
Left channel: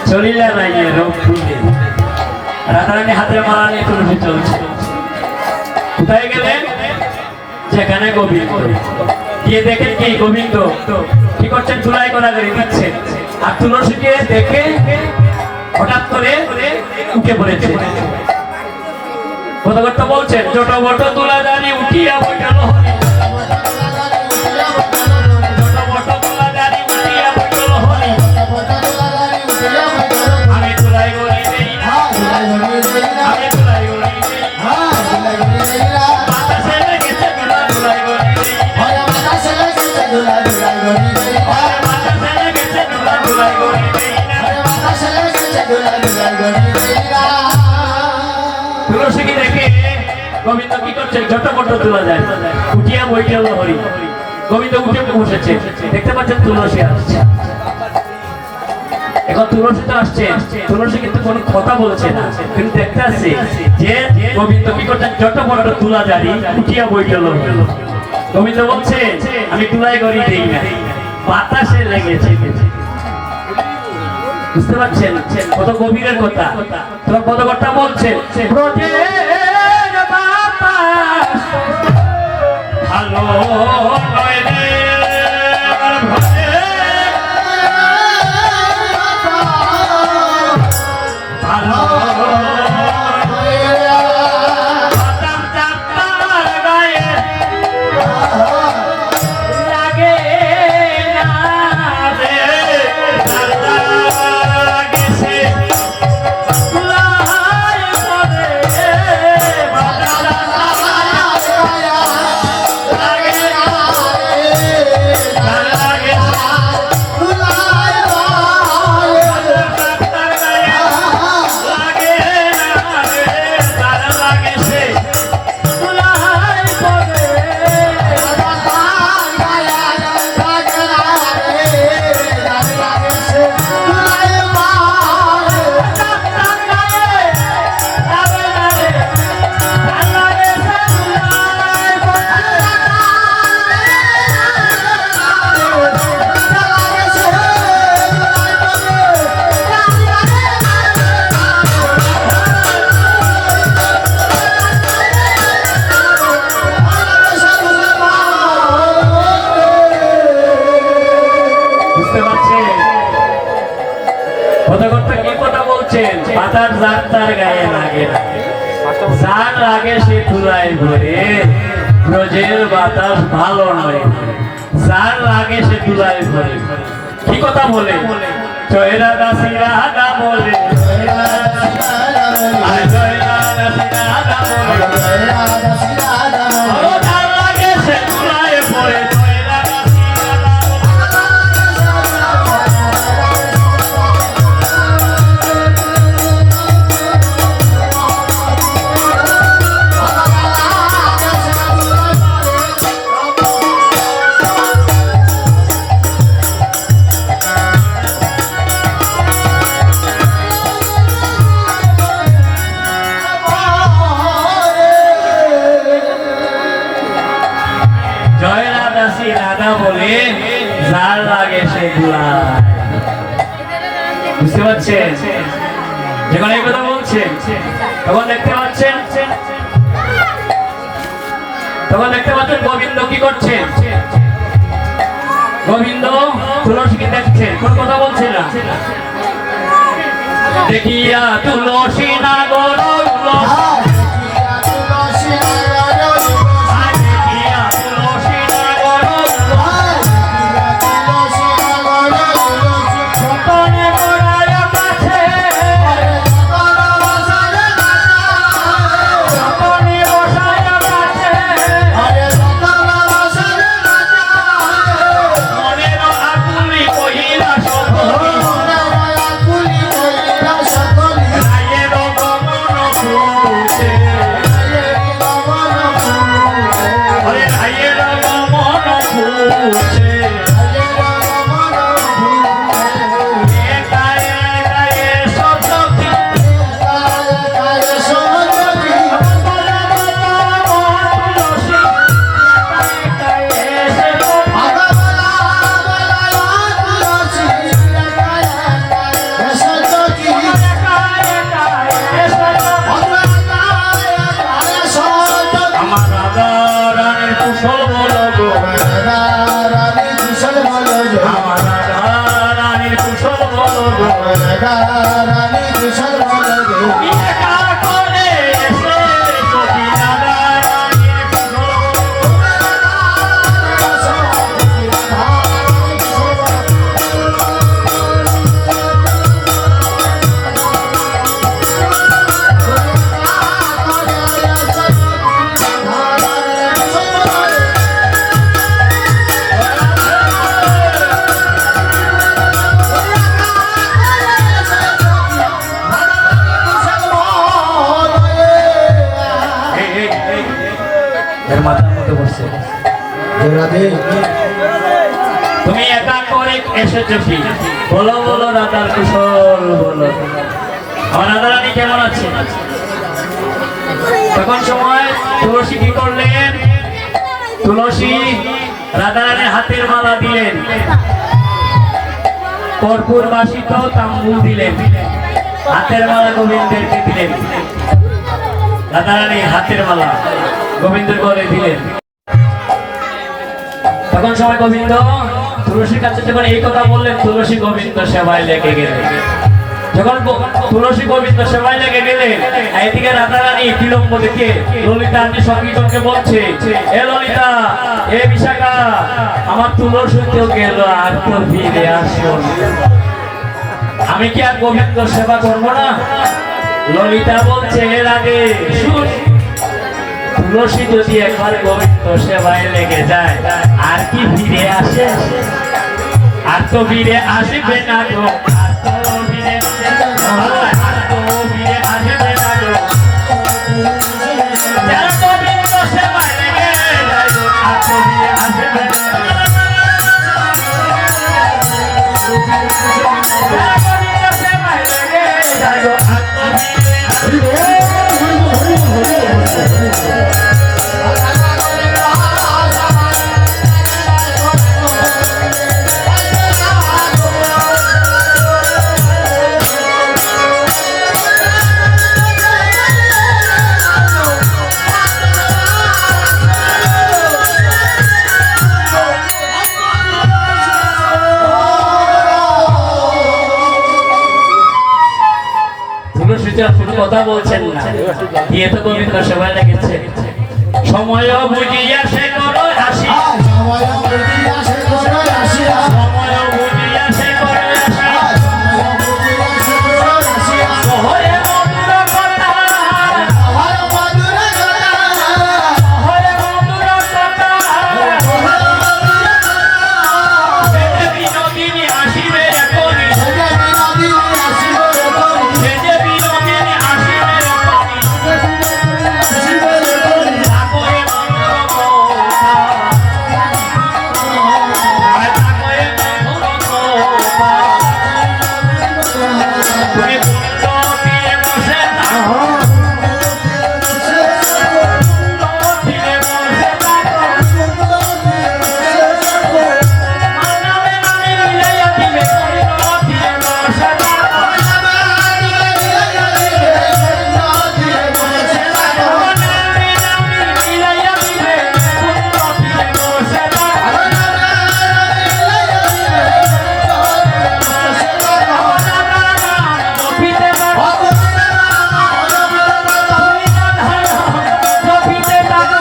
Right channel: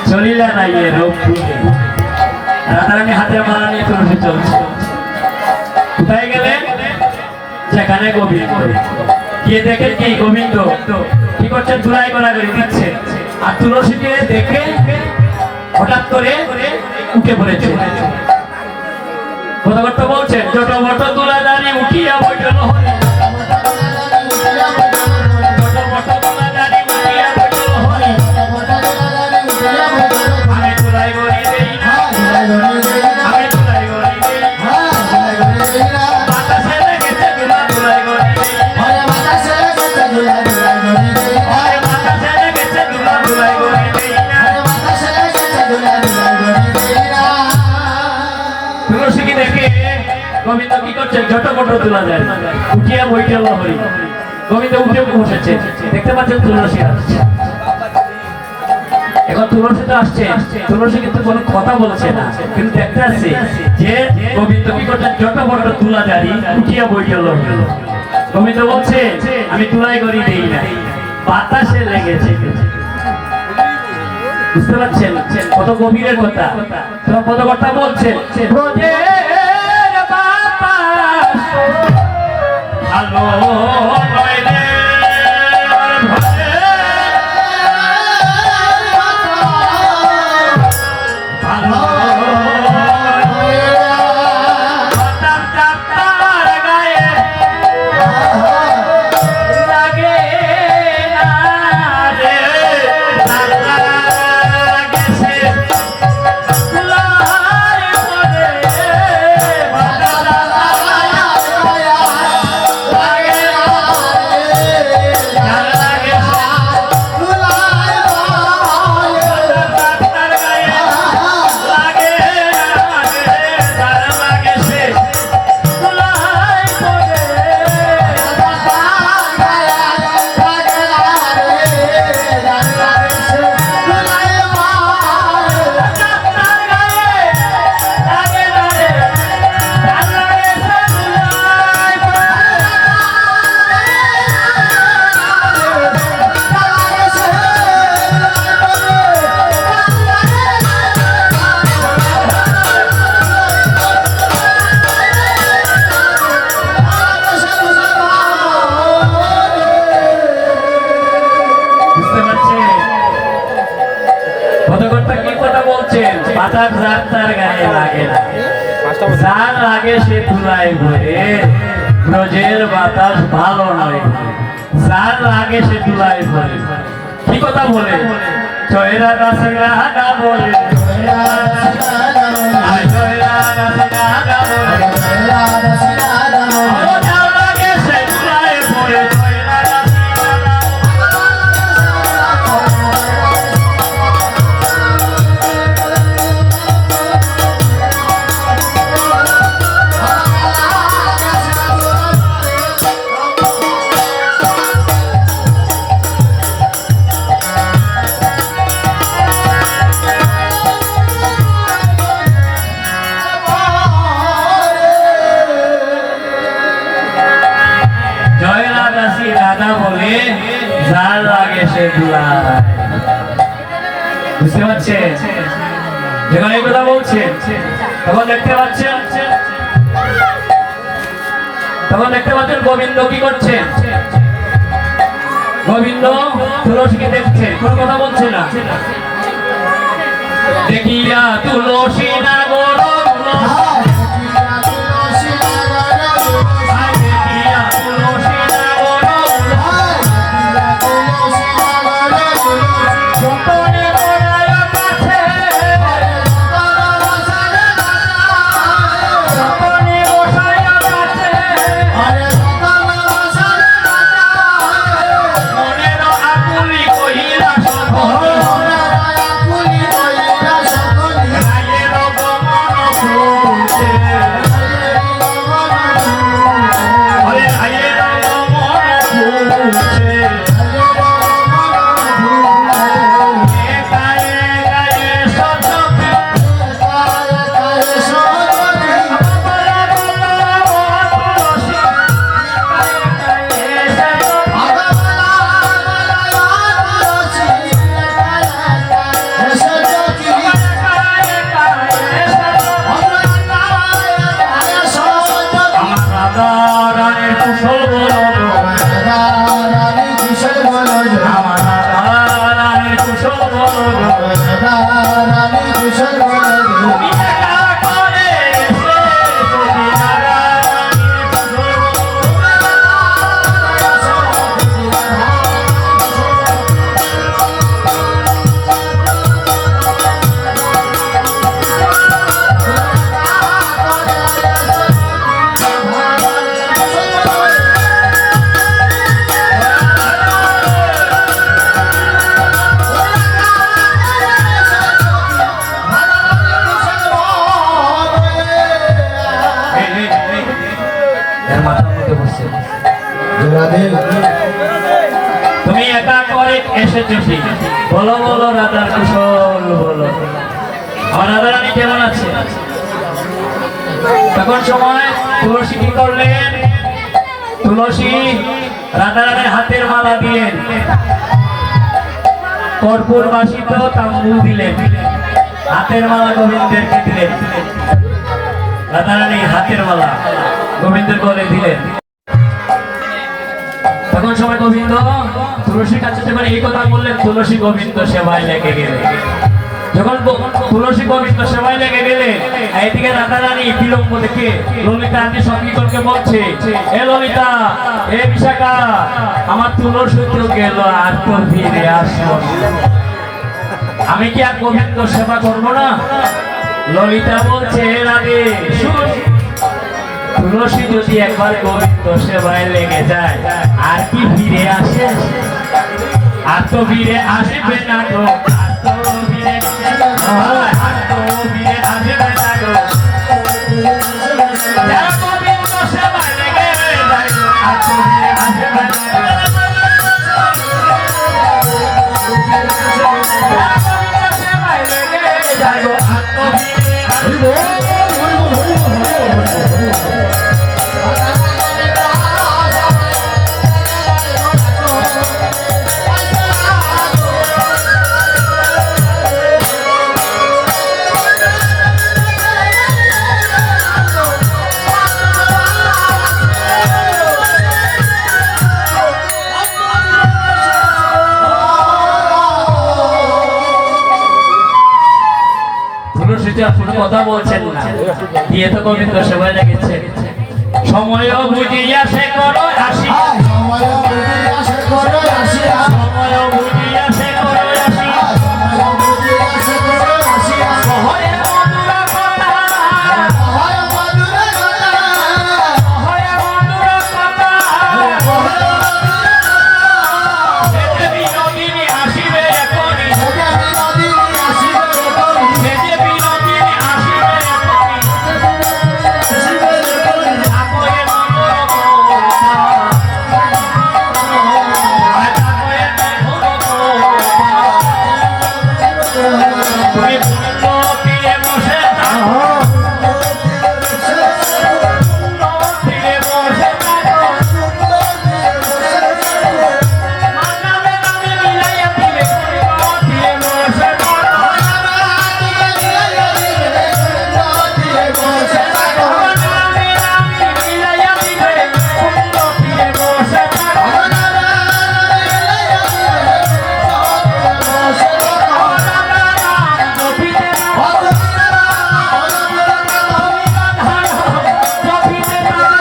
চলিলা নাই রোগ ভুলে। রাধারানী হাতে মালা নিয়ে তুলসী চলছে। কোথায় গেলেন? সেখানে গোবিন্দ গিয়ে দেখেন কি গোবিন্দ কি করছেন, ধুলাই গড়াগড়ি দিচ্ছে। আর তুলসীকে দেখে হঠাৎ করে উঠে পড়েছে। কথা বলছেন ছোট বট তুলা দানি উঠিয়া বইল হরি। তুলসীকে দেখে গোবিন্দ কি করছে, ঝটপট তোলা যায়, উঠিয়া বইটাল হরি। গোবিন্দ উঠে বসেছে, দেখতে পাচ্ছেন তুলসী আসছে। এখন তুলসী তো আসছে, তুলসী কিন্তু কোনো কথা বলছে না, কিন্তু দেখতে আসছে যে গোবিন্দ কি করছে, ঝটপট তোলা জারি উঠিয়া বইটাল হরি। গোবিন্দ বলছে আমি তুলাই করি দেই না, বাতাসে লেগেছে। বুঝতে পারছেন কত গভীরের কথা? তোমার কত কথা বলছেন, ব্রজের বাতাস ভালো নয় রে, বলছেন বাতাস যার তার গায়ে লাগে না, যার লাগে সে তুলায় ভরে, ব্রজের বাতাস ভালো নয়, যার লাগে সে তুলায় ভরে। কি কথা বলে? জয়রা দাসী রাগা বলে, আর জয়রা দাসী রাগা বলে, ও যার লাগে সে তুলায় ভরে, জয়রা দাসী রাগা জয়রা দাসী রাধা বলে, যার লাগে সে দুলায়। বুঝতে পারছেন? যখন এই কথা বলছেন তখন দেখতে পাচ্ছেন গোবিন্দ কি করছেন? গোবিন্দ তুলসীকে দেখছেন, কোন কথা বলছে না। দেখিয়া তুলসী নাগর তুমি একা করে এসেছো ঠিক, বলো বলো রাধার কুশল বলো, আমার রাধারানী কেমন আছে? তখন সময় তুলসী কি করলেন? তুলসী রাধারানীর হাতের মালা দিলেন, কর্পূর বাসিত তাম্বুল দিলেন, হাতের মালা গোবিন্দেরকে দিলেন, রাধারানীর হাতের মালা গোবিন্দের করে দিলেন। তখন সবাই গোবিন্দ তুলসীর কাছে যখন এই কথা বললেন, তুলসী গোবিন্দ সেবায় লেগে গেলেন। যখন তুলসী গোবিন্দ সেবায় লেগে গেলেন, এদিকে রাধারানী বিলম্ব দেখে ললিতা আমি সংকীর্তনকে বলছে, এ ললিতা, এ বিশাখা, আমার তুলসী তো গেল, আর তো ফিরে আসো, আমি কি আর গোবিন্দ সেবা করবো না? ললিতা বলছে, রাধে শুন, তুলসী যদি একবার গোবিন্দ সেবায় লেগে যায়, আর কি ফিরে আসে? আর তো ফিরে আসবে না গো, আর তো ফিরে আসবে না গো, যারা গোবিন্দ সেবায় লেগে যায় গো, আর তো ফিরে আসবে না গো, যারা গোবিন্দ সেবায় লেগে যায় গো, আর তো ফিরে আসবে না গো। তো কথা বলছেন না, দিয়ে তো গোবিন্দ সেবায় লেগেছে। সময় বুঝিয়া সে করো আসিয়া, সময় বুঝিয়া সে করো আসিয়া, সময় বুঝিয়া সে করো আসিয়া, সময় বুঝিয়া সে করো আসিয়া, কহরে মধুর কথা, কহরে মধুর কথা, কহরে মধুর কথা, সেজে বিনোদিনী আসিবে এখনি, সেজে বিনোদিনী আসিবে এখনি, সেজে বিনোদিনী আসিবে এখনি, আসিবে এখনি, তাকয়ে মধুর কথা, তাকয়ে মধুর কথা, তুমি কুণ্ড তীরে বসে থাকো, কুণ্ড তীরে বসে থাকো, আমার নামে নামে মিলাইয়া দিবে, কুণ্ড তীরে বসে থাকো, আমার নামে নামে মিলাইয়া দিবে, কুণ্ড তীরে বসে থাকো, জপিতে পারো, জপিতে পারো,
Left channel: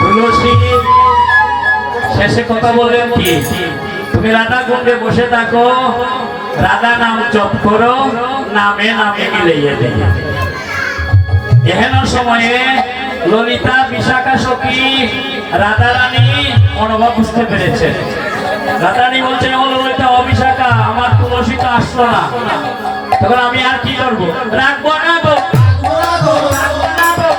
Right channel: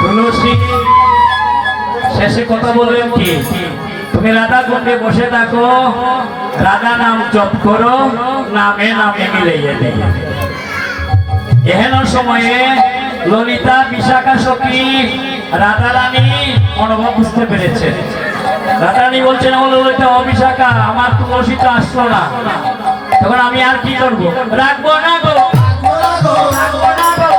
তুলসী শেষে কথা বললেন কি, তুমি রাধা কুণ্ডে বসে থাকো, রাধা নাম জপ করো, নামে নামে মিলাইয়া দেয়। এহেন সময়ে ললিতা বিশাখা সখী রাধারানী অনুভব বুঝতে পেরেছে। রাধারানী বলছেন, আমার ললিতা অবিশাখা, আমার তুলসী তো আসলো না, তখন আমি আর কি করবো, রাখবো না গো, রাখবো না গো,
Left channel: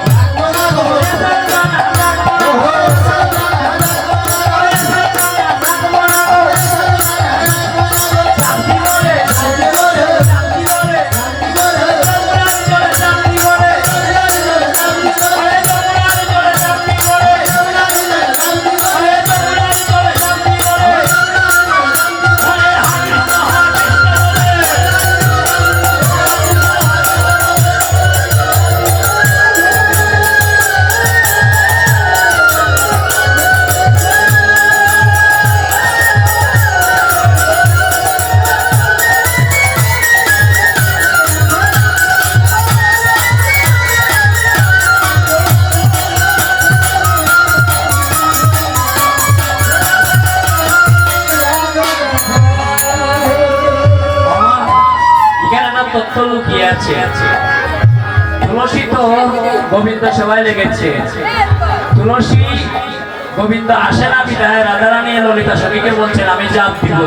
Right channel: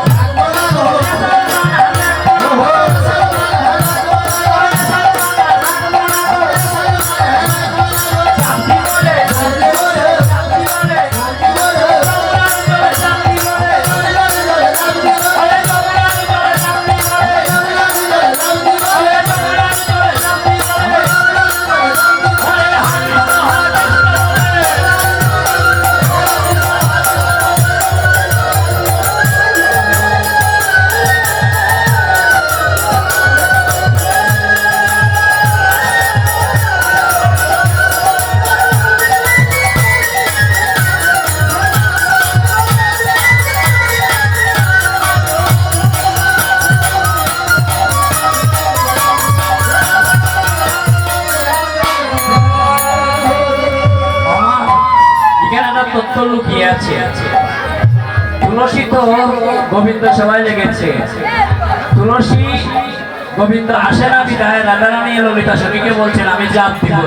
তথ্য লুকিয়ে আছে। তুলসী তো গোবিন্দ সেবায় লেগেছে, তুলসী গোবিন্দ আসে না বিদায় রাধারানী ললিতা সখীকে বলছেন, আমি জাপ দিব,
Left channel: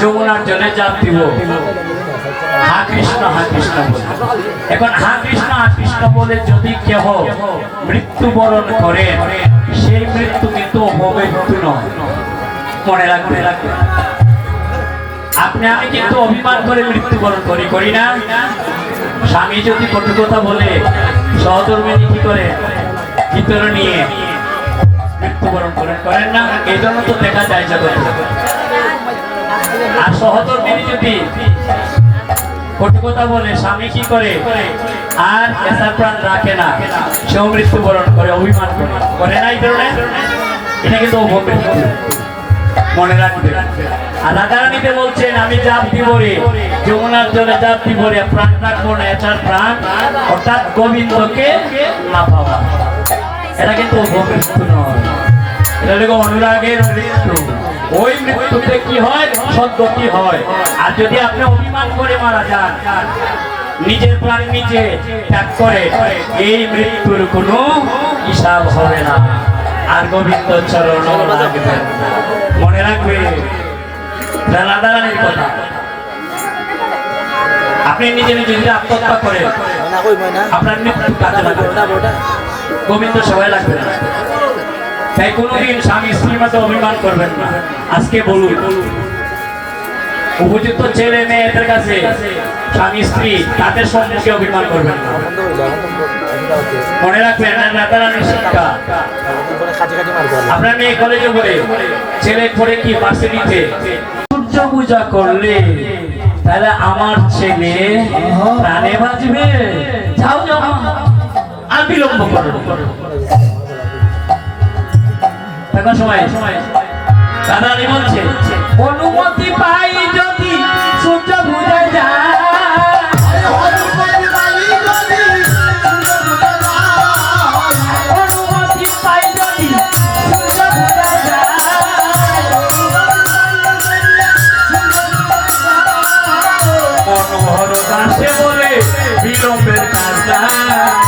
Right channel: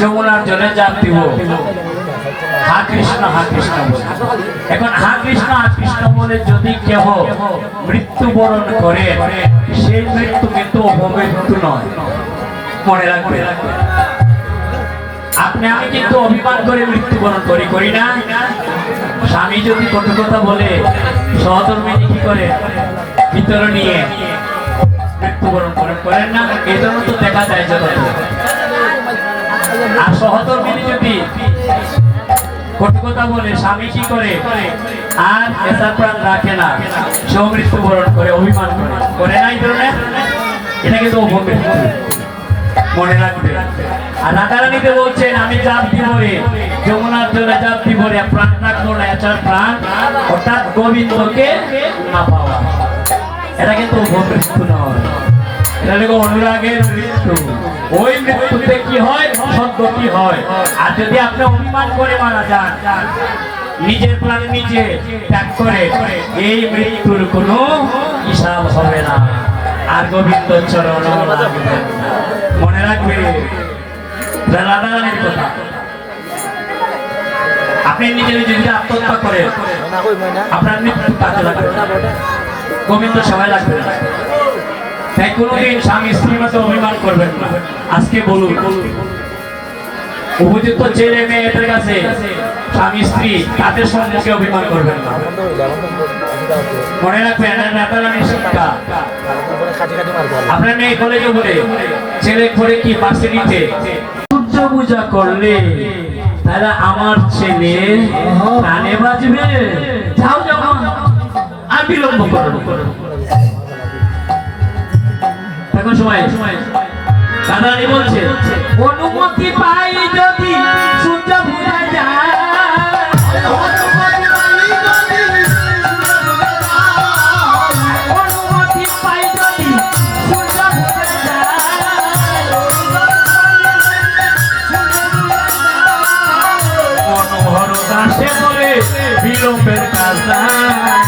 যমুনার জলে জাপ দিব, হা কৃষ্ণ বলে। এখন হা কৃষ্ণ বলে যদি কেহ মৃত্যুবরণ করে, সেই মৃত্যু কিন্তু অপমৃত্যু নয়, মনে রাখবে। আপনি আমি কিন্তু অভিমান করে মৃত্যুবরণ করি না। স্বামী যদি কটু কথা বলে, সহধর্মিনী কি করে ভিতরে নিয়ে মৃত্যুবরণ করেন না, এই জন্য তো দেখা যায় জগতে। আর সহধর্মিনী যদি কটু কথা বলে, স্বামী কি করে আর এসার প্রাণ রাখে না, সেও মৃত্যুবরণ করে, অভিমান করে না, এই ধরনের। এটা কিন্তু অপমৃত্যু, মনে রাখবে। আর রাধারানীতে বলছেন, আমি জাপ দিব রে, যমুনার জলে জাপ দিব রে, প্রাণ রাখবো না, এছাড়া প্রাণ অর্থাৎ গোবিন্দকে না পাওয়া। এটা কিন্তু অপমৃত্যু নয়, এটা হলো অনুরাগের মৃত্যু। ওই মৃত্যুতে কি হয়, সদ্গতি হয়। আর যদি আপনি অভিমান করে মারা যান, নিজের প্রাণ নিজে ত্যাগ করে, এই মৃত্যুর কোনো হিসাব হবে না, আর গোবিন্দ চরণ লাগবে। মনে রাখবে রাধারানীর কথা। আপনি নিজে নিজে যদি আত্মহত্যা করে আপনার মৃত্যু কাজে লাগবে গোবিন্দ সবাই লাগবে না। তাই কোনোদিন স্বামী স্ত্রীর মতো অভিমান করবেন না। আজকে বলুন উপযুক্ত ছেলে মেয়েদের কাছে স্বামী স্ত্রী তাদের সম্মুখে অভিমান করবেন না। মনে রাখবেন নেতারানির শিক্ষা। আপনার মেয়ে কলেজে পড়ে, ছেলে পড়ে কি ভার্সিটিতে, সূর্য পূজা করলে তাহলে আমার ছেলে প্রাণে বাঁচবে। যাও যাও আর বিলম্ব করো। এখন সময় দাদানি বলছে অনুমতি পাই যদি সূর্য পূজা যায়, অনুমতি পাই যদি সূর্য পূজা যায়, মনোহর দাসে বলে বিলম্বের কাজ নাই,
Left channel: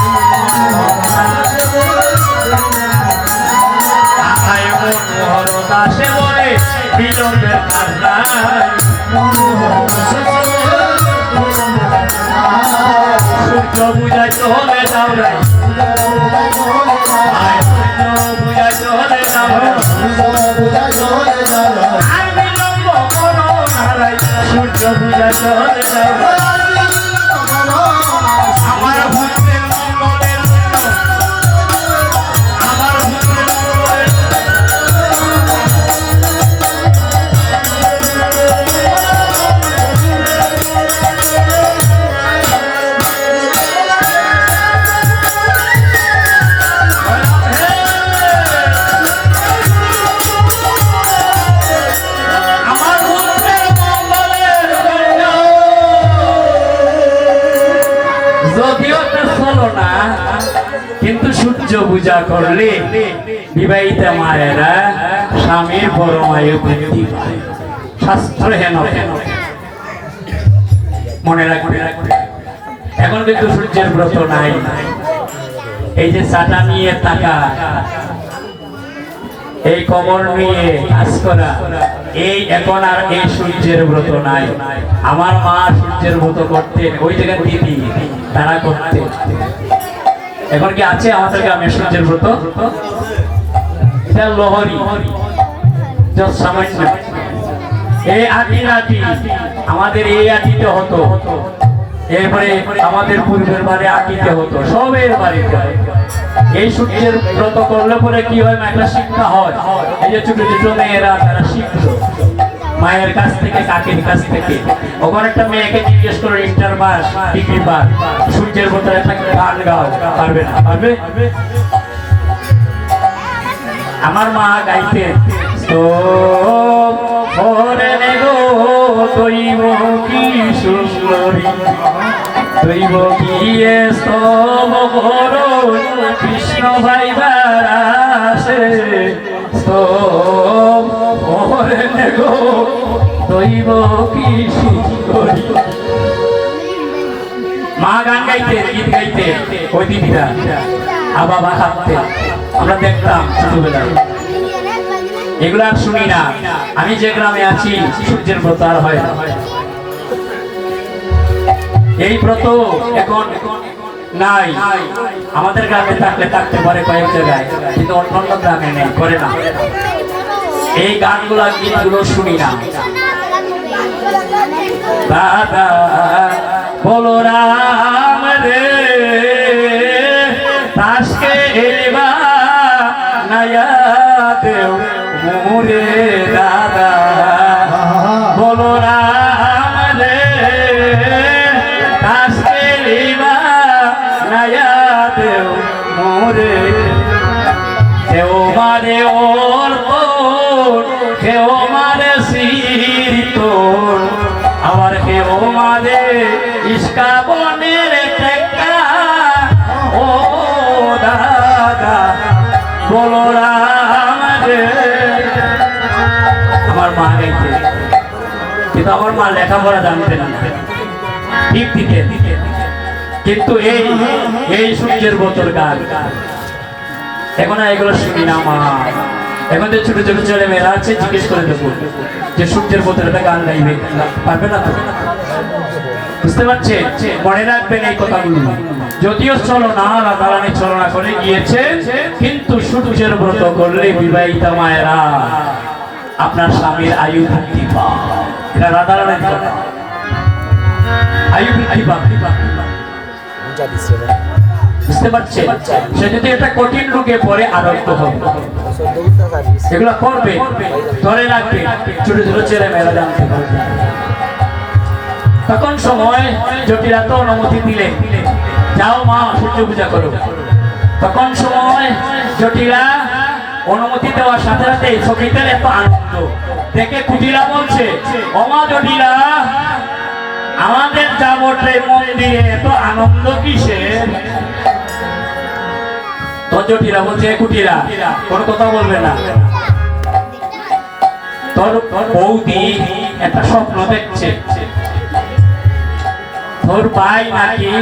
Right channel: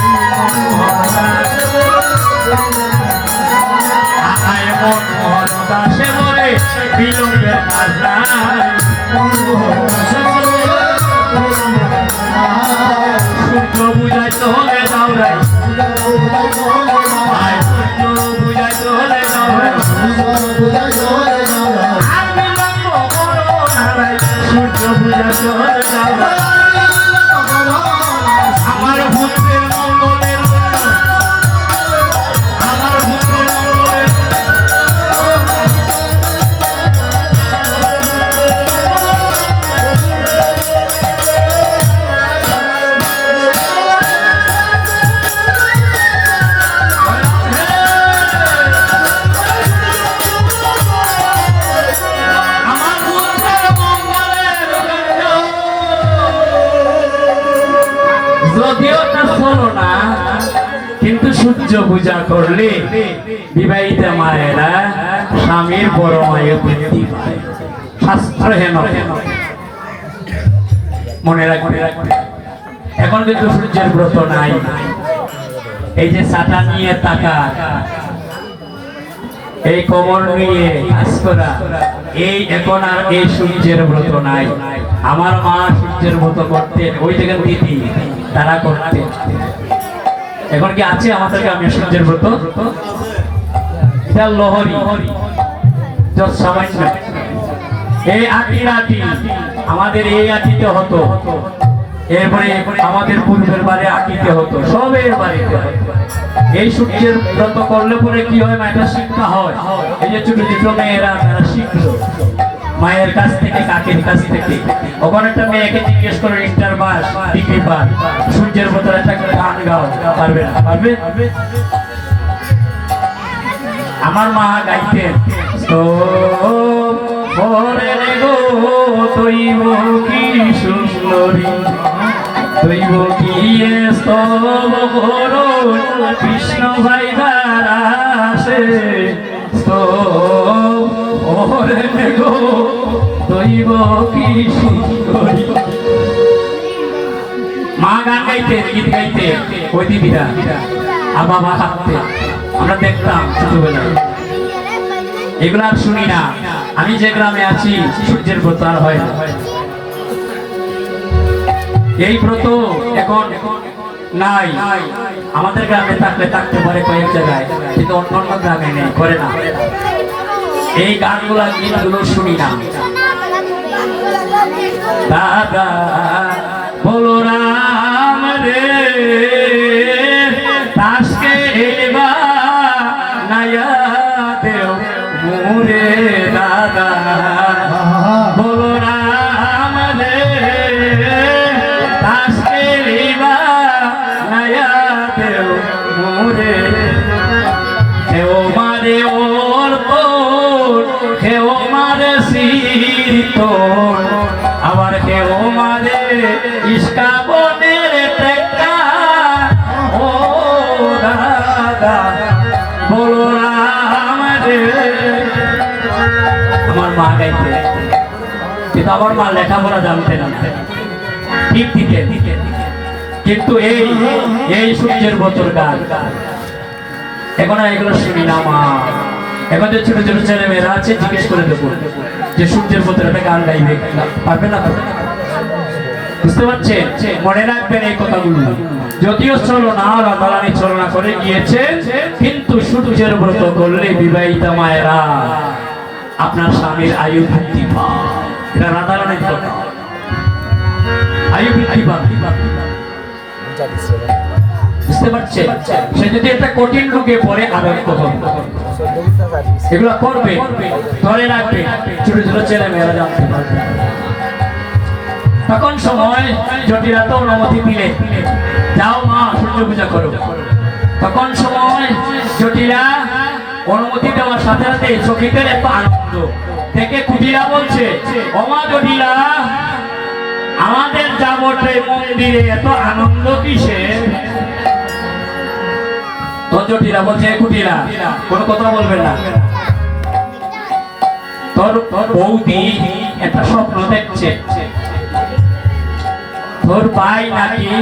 মনোহর দাসে বলে বিলম্বের কাজ নাই, সূর্য বুঝাইতে হলে দামরাই, সূর্য বুঝাইতে হলে দামরাই, আর বিলম্ব করো না ভাই, সূর্য বুঝাইতে হলে দামরাই। আমার পুত্রের মঙ্গলের জন্য, আমার পুত্রের মঙ্গলের যদিও তা হলো না, কিন্তু সূর্য পূজা করলে বিবাহিতা মায়েরা স্বামীর পরমায়ু বৃদ্ধি পায়। শাস্ত্র হেন মনে রাখবে। এখন কিন্তু সূর্যের ব্রত নাই। এই যে চাটা নিয়ে টাকা, এই কবর নিয়ে কাজ করা, এই এখন আর এই সূর্যের ব্রত নাই। আমার মা সূর্যের ব্রত করতেন, ওই জায়গায় দিদি তারা করতেন। এখন কি আছে আমাদের গ্রামে সূর্যের ব্রত? এটা লহরি সামান্য। এই আটি আমাদের এই আটিতে হতো, এরপরে আমাদের পূর্বের বাড়ি আটিতে হতো, সবের বাড়িতে। এই সূর্যের ব্রত করলে পরে কি হয়, একটা শিক্ষা হয়। এই যে ছোট ছোট মেয়েরা তারা শিখলো মায়ের কাছ থেকে, কাকের কাছ থেকে। ওখানে একটা মেয়েকে জিজ্ঞেস করো ইন্টার পাস, ডিগ্রি পাস, সূর্যের ব্রত একটা গান গাও, পারবে না? পারবে? আমার মা গাইতেন, তো ওরে গো দৈব কি সুন্দরী, দৈব কি স্তব করো কৃষ্ণ ভাইবার আসে, স্তব ওরে গো দৈব কি সুন্দরী। মা গান গাইতে, গীত গাইতে, ওই দিদিরা আর বাবা হাঁটতে আমরা দেখতাম ছোটবেলায়। এগুলো আর শুনি না। আমি যে গ্রামে আছি সূর্যের ব্রত আর হয় না। এই ব্রত এখন নাই। আমাদের গ্রামে থাকলে থাকতে পারে কয়েক জায়গায়, কিন্তু অন্যান্য গ্রামে নেই, করে না। এই গানগুলা গীতগুলো শুনি না। দাদা বলো রাম রে তাসকে এবা নয়া দেও মুরে, দাদা বলো রাম রে তাসকে এবা নয়া দেও মুরে, কেউ মারে ওর তোর, কেউ মারে শির তোর, আবার কেউ মারে ইস্কা বনের টেক্কা। ও দাদা বলো রাম রে। আমার মা গাইতে, কিন্তু আমার মা লেখাপড়া জানতেন না, ঠিক দিতেন। কিন্তু এই সূর্যের ব্রতর গান এখন এগুলো শুনি না মা। এখন যে ছোট ছোট ছেলে মেয়েরা আছে জিজ্ঞেস করে দেবো যে সূর্যের ব্রতের একটা গান গাইবে, পারবে না? বুঝতে পারছেন? মনে রাখবেন এই কথাগুলো। যদিও চলনা রাধারানী চলনা করে গিয়েছে, কিন্তু সূর্যের ব্রত করলে বিবাহিতা মায়েরা আপনার স্বামীর আয়ু বৃদ্ধি পায়। এটা রাধারানীর কথা। আয়ু বৃদ্ধি পায়। বুঝতে পারছেন? সে যদি একটা কঠিন রোগে পড়ে আরোগ্য হবে। এগুলো করবে, ধরে রাখবে, ছোট ছোট ছেলে মেয়েরা জানতে পারবে। তখন সময় জটিলা তো অনুমতি দিলে, যাও মা সূর্য পূজা করো। তখন সময় জটিলা অনুমতি দেওয়ার সাথে সাথে সখীদের এত আনন্দ দেখে কুটিলা বলছে, ওমা জটিলা, আমাদের যাবটে মন্দিরে এত আনন্দ কিসের? তো জটিলা বলছে, কুটিলা কোনো কথা বলবে না, তোর বৌদি একটা স্বপ্ন দেখছে, তোর ভাই নাকি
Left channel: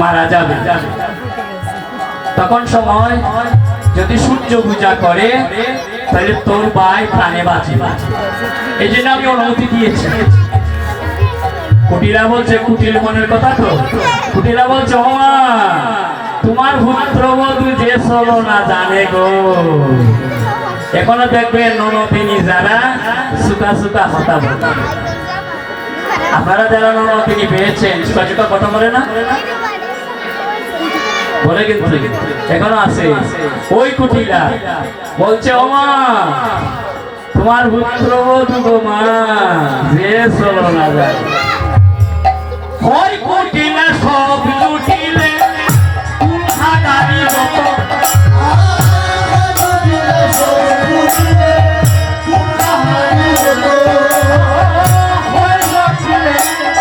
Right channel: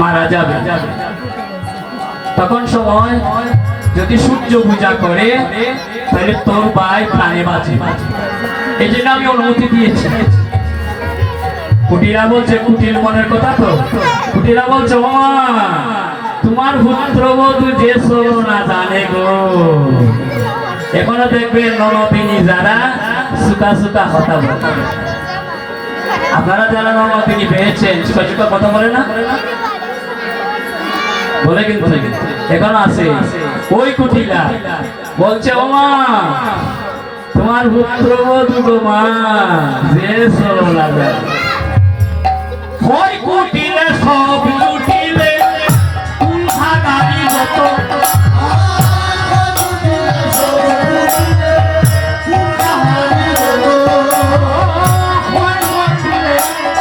মারা যাবে। তখন সময় যদি সূর্য পূজা করে তাহলে তোর ভাই প্রাণে বাঁচে। এই জন্য আমি অনুমতি দিয়েছি। কুটিরা বলছে, কুটির মনের কথা তো। কুটিরা বলছে, ও মা, তোমার পুত্রবধূ যে চলো না জানে গো। এখনো দেখবেন ননদিনী যারা সুতা সুতা কথা বলে। আপনারা যারা ননদিনী পেয়েছেন সুতা কথা বলে না বলে, কিন্তু এখনো আছে। ওই কুটিলা বলছে, ও মা, তোমার পুত্রবধূ গো মা যে চলো না জানে। ওই কুটিলা সব লুটিলে গাড়ি যত,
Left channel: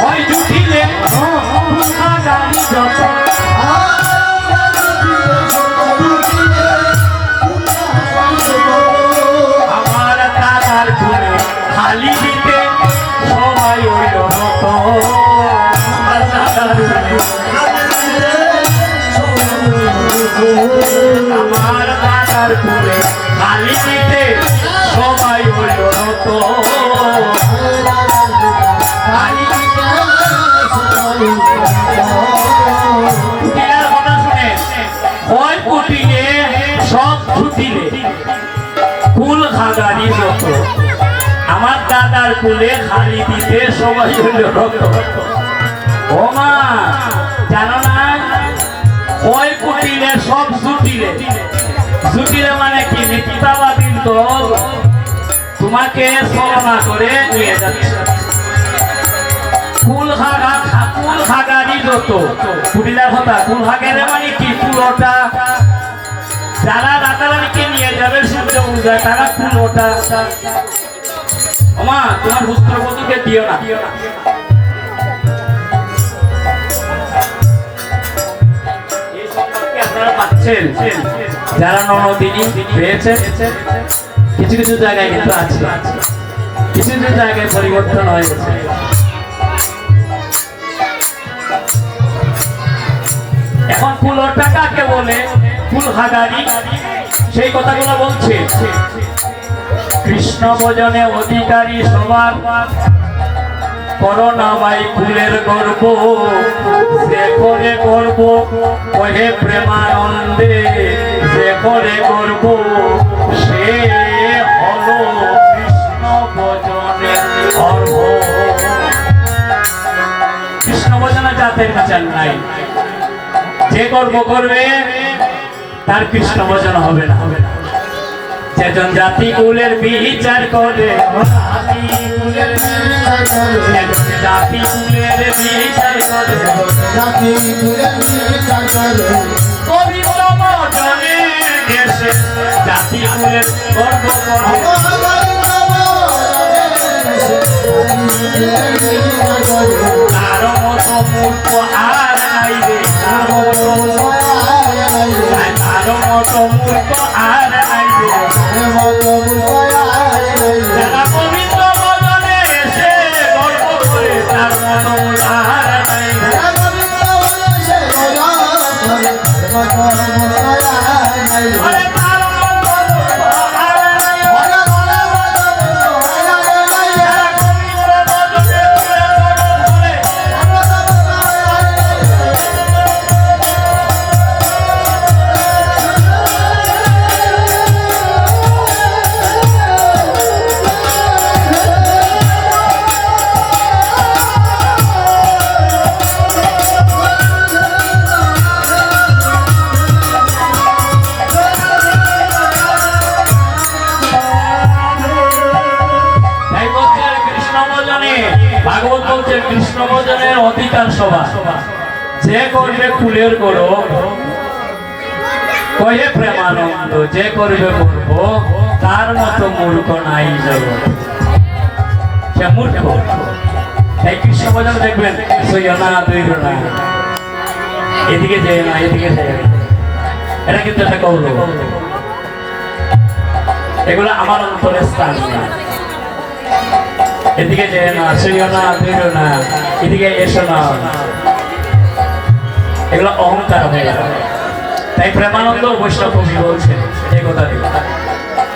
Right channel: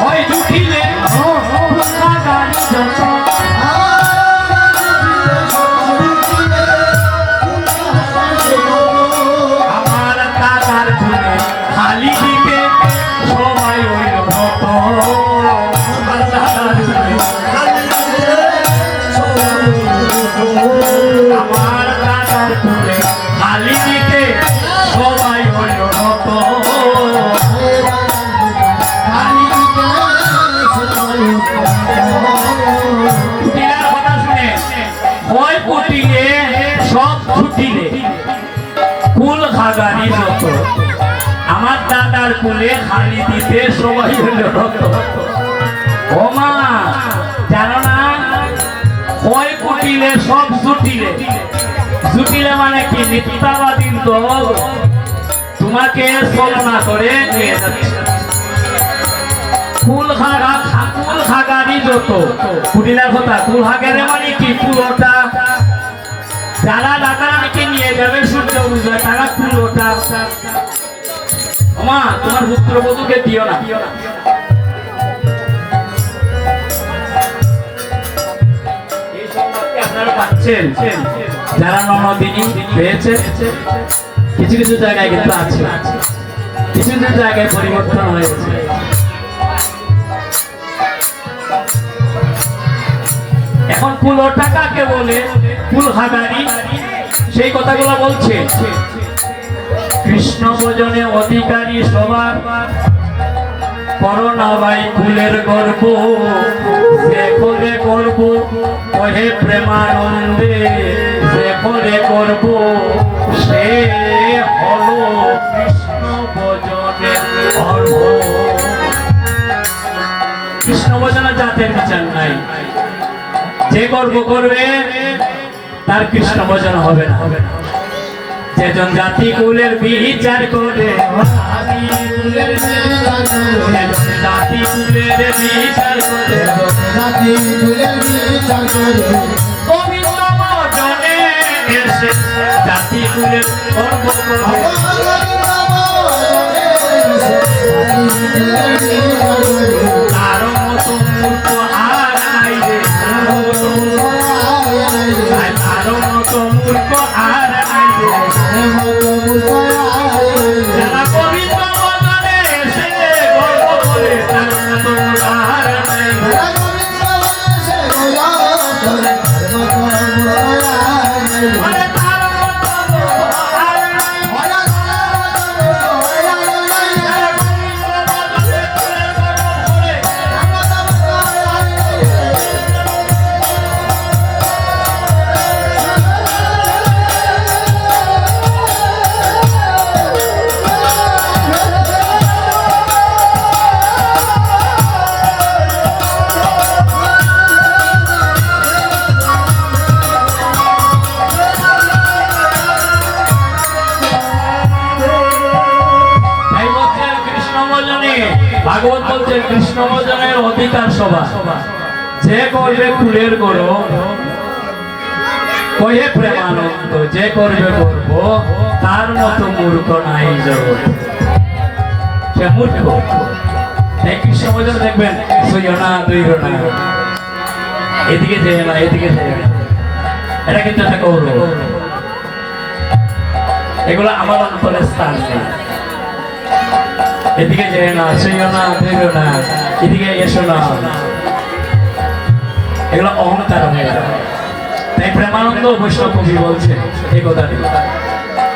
ওই লুটিলে গাড়ি যত, আমার দাদার গুণে খালি দিতে সবাই হইল মত। আমার দাদার গুণে, আমার দাদার গুণে খালি দিতে সবাই হইল মত। ওই কুটিলে সব ছুটিলে কুল খাগারি যত, আমার দাদার কুলে খালি দিতে সবাই হইল রত। ও মা, জানো না, ওই কুটিলে সব জুটিলে। জুটিলে মানে কি? মিথ্যাবাদী দল তোমাকে ছলনা করে নিয়ে যাচ্ছে। কুল খাগারি যত, কুটিলার কথা। কুল খাগারে মানে কি? কুলোটা যারা রাধারানীকে নিয়ে যাবে সূর্য পূজা, তারা কুলোটা। ওমা, তোমার পুত্রবধূকে দিও না। এই সম্পর্কে আপনারা পাচ্ছেন যারা ননদিনী পেয়েছে। কিছু কিছু জায়গায় কিন্তু আছে, কিছু কিছু জায়গায় পরিবর্তন হয়ে গেছে। এখন কুলোটা কাকে বলে? কুল খাগারি, সেই কথাগুলো বলছে। কৃষ্ণ ভজনে অধিকারী সবার করোনা ভাই কুলের গর্ব, যে করে গর্ব কহে প্রেমানন্দে, যে করে গর্ব সে হলো কৃষ্ণ ভজনের গর্ব। কৃষ্ণ ভজনা জাতের বিচার নাই। যে গর্ব করবে তার কৃষ্ণ ভজন হবে না। যেজন জাতি কুলের বিচার করে, জাতি কুলের বিচার করে, পবিত্র ভজনে এসে জাতি কুলের গর্ব করে। তার মতো মূর্খ আর নাই রে, তার মতো মূর্খ আর নাই রে। যারা পবিত্র ভজনে এসে গর্ব করে, তার মতো আর নাই রে। আরে তার মতো আর নাই। যারা পবিত্র ভজনে ভাগবত বলছে কৃষ্ণ ভজনের অধিকার সভা যে করবে কুলের করো কয়ে প্রেমানন্দ যে করবে করব তার মতো মূর্খ নাই জগৎ সে মূর্খ তাই কৃষ্ণ ভজন দেখবেন সইও না দৈর না এদিকে যেও না এদিকে যেও না এটা কিন্তু একটা কৌরব এগুলো আমার অন্তরে স্থান নেই এদিকে যেও না সইও না দৈর না এদিকে এসো না এগুলো অহংকার হয়ে যাবে তাই প্রেমানন্দ বৈষ্ণব কবি বলছেন এই কথা দিল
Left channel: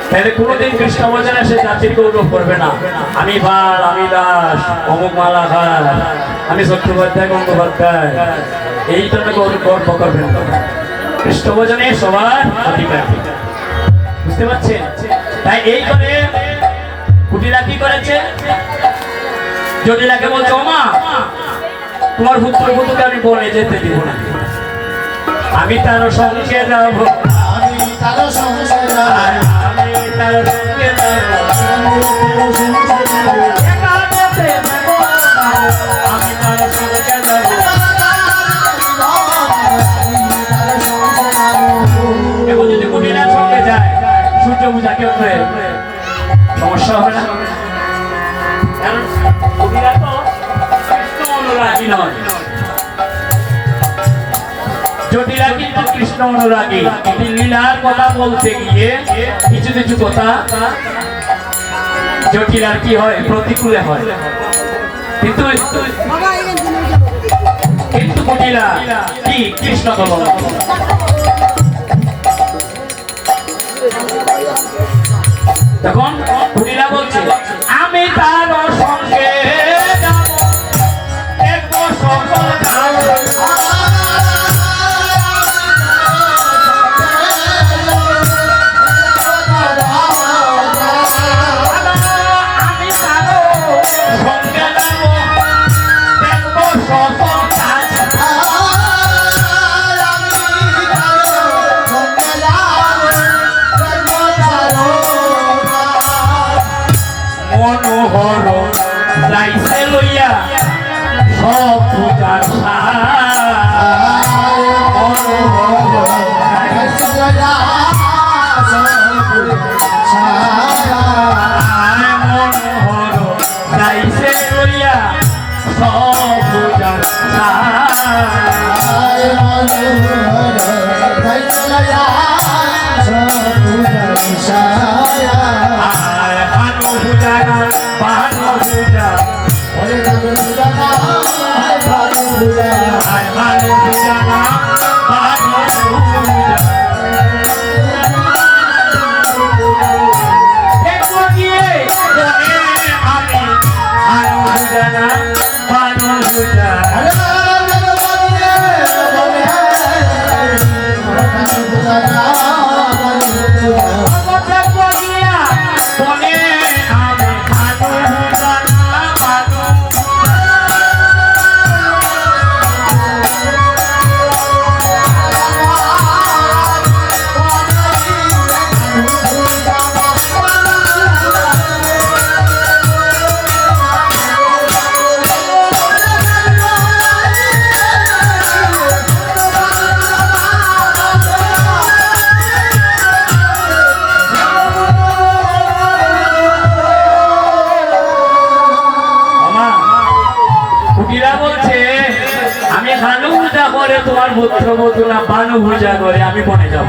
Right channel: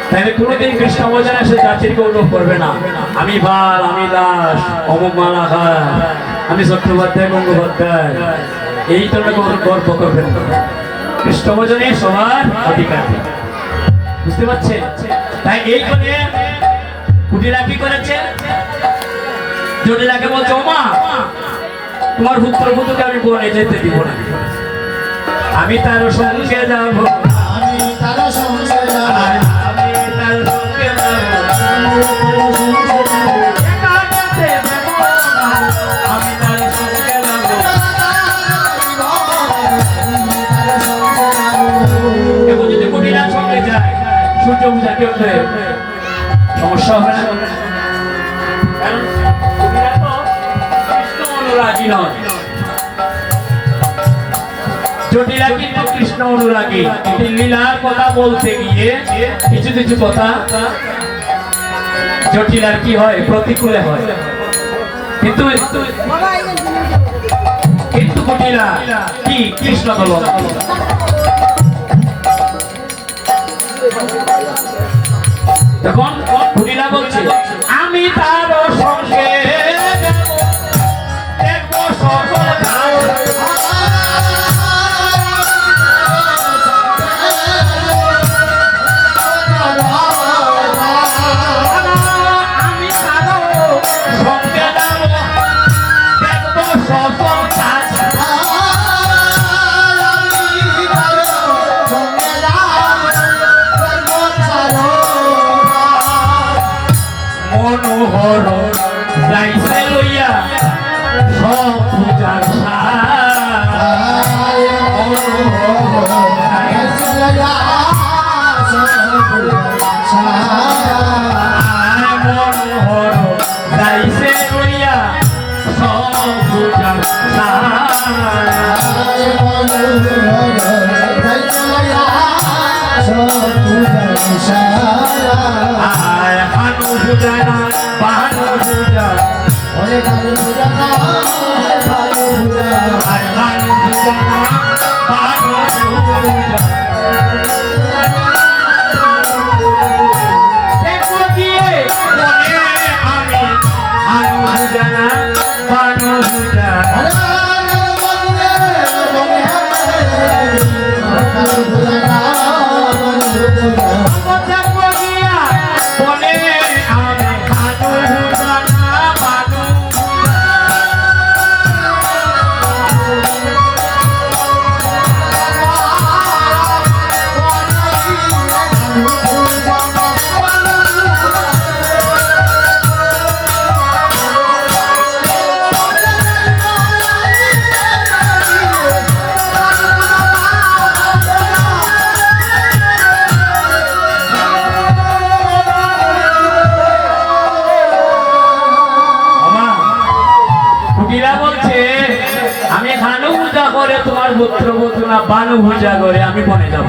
তাইলে কোনোদিন কৃষ্ণ ভজনে সে জাতির গৌরব করবে না আমি বাল আমি দাস অমুক মালাহার আমি চট্টোপাধ্যায় গঙ্গোপাধ্যায় এই ধরনের গর্ব করবেন না কৃষ্ণ ভজনে সবার অধিকার বুঝতে পারছেন তাই এই করে কুটিরা কি করেছে জটিলাকে বলছে ওমা তোমার পুত্রবধূকে আমি বনে যেতে দিব না আমি তার সঙ্গে যাব আমি তার সঙ্গে যাব আমি তার সঙ্গে যাব আমি তার সঙ্গে যাব এবং যদি কুটিরার সঙ্গে যায় সূর্য পূজা কেউ করে সমস্যা হবে না কারণ কুটিরা তো কৃষ্ণ অনুরাগী নয় জটিলা কিন্তু কৃষ্ণ অনুরাগী লীলার কথা বলতে গিয়ে কিছু কিছু কথা জটিলার কি হয় প্রতিকূলে হয় কিন্তু কিন্তু কুটিলা কি কৃষ্ণ বলন তখন কুটিলা বলছে আমি তার সঙ্গে যাব দেখবো সকল মনোহর যাইছে লইয়া সব পূজার মনোহর মনোহর যাইছে লইয়া সব পূজার ভানু পূজা না ভানু পূজা ভানু পূজা না ভানু পূজা দেখো গিয়ে আমি ভানু পূজা না ভানু পূজা আমি ভানু পূজা করে তোমার পুত্রবধূ না ভানু পূজা করে আমি বনে যাব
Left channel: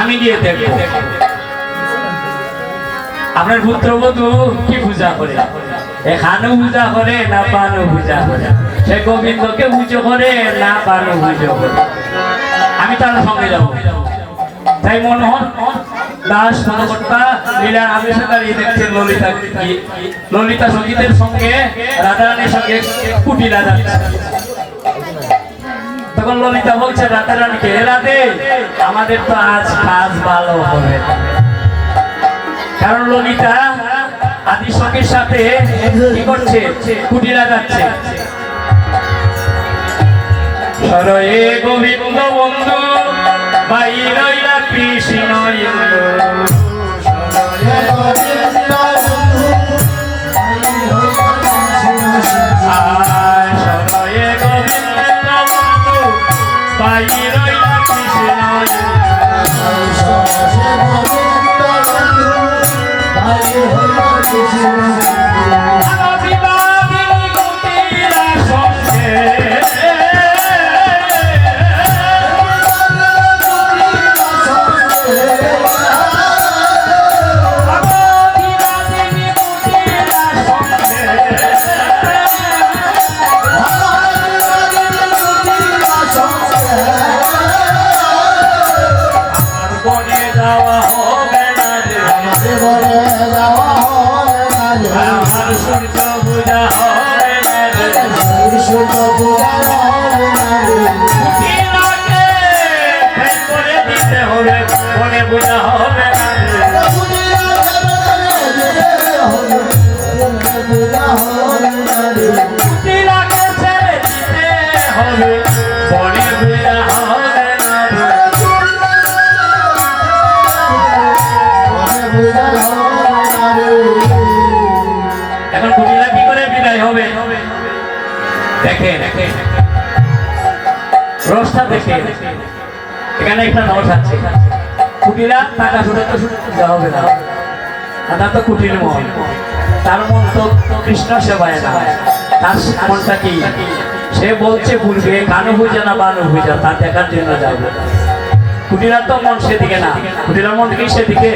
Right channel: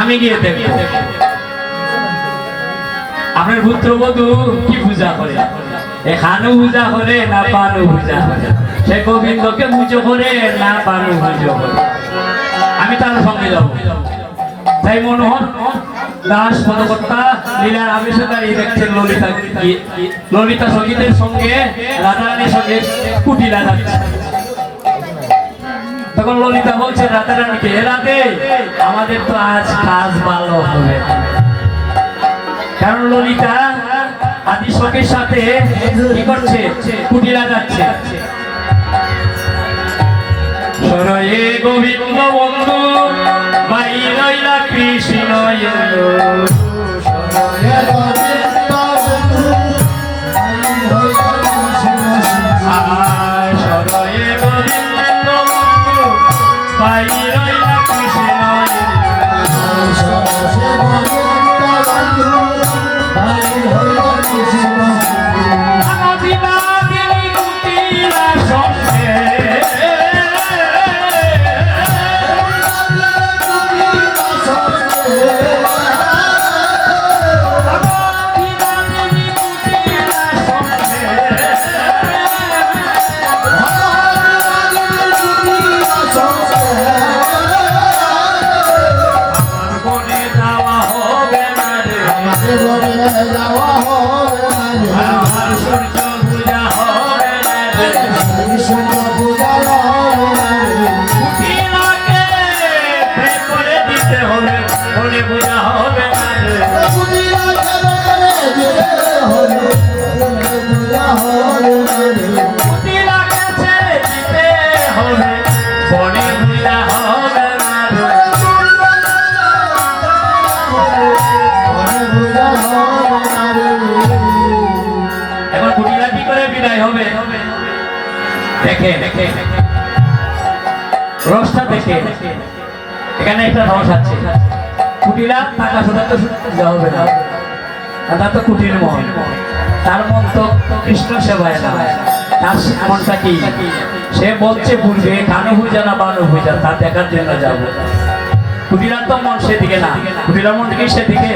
আমি গিয়ে দেখবো আপনার পুত্রবধূ কি পূজা করে ভানু পূজা করে না ভানু পূজা করে সে গোবিন্দকে পুজো করে না ভানু পুজো করে আমি তার সঙ্গে যাব তাই মনোহর দাস পদকর্তা লীলার আবেশকারী দেখছেন ললিতা সঙ্গীতের সঙ্গে রাধারানীর সঙ্গে কুটিলা যাচ্ছে তখন ললিতা বলছে রাধারানীকে রাধে আমাদের তো আজ কাজ ভালো হবে কারণ ললিতা আদি শখের সাথে কি করছে কুটিলা যাচ্ছে সরয়ে গোবিন্দ বন্ধু বাইরইলা কৃষ্ণ সরয়ে গোবিন্দ বন্ধু বনে বোঝা হবে না রে। কুটিলাকে ছেড়ে দিতে হবে, বনে বোঝা হবে না রে। এখন কুটিলা কি করে বিদায় হবে? দেখে রসটা দেখে এখানে একটা রস আছে। কুটিলা টাকা শুধু তো দেওয়া হবে না, তার তো কুটির মন, তার মন তো কৃষ্ণ সেবায় না। তার মনটা কি? সে বলছে বলবে কানু পূজা না বানু পূজা, তার দেখার জন্য যাবো। কুটিলার তো মন সেদিকে না, কুটিলার মন কি সেদিকে?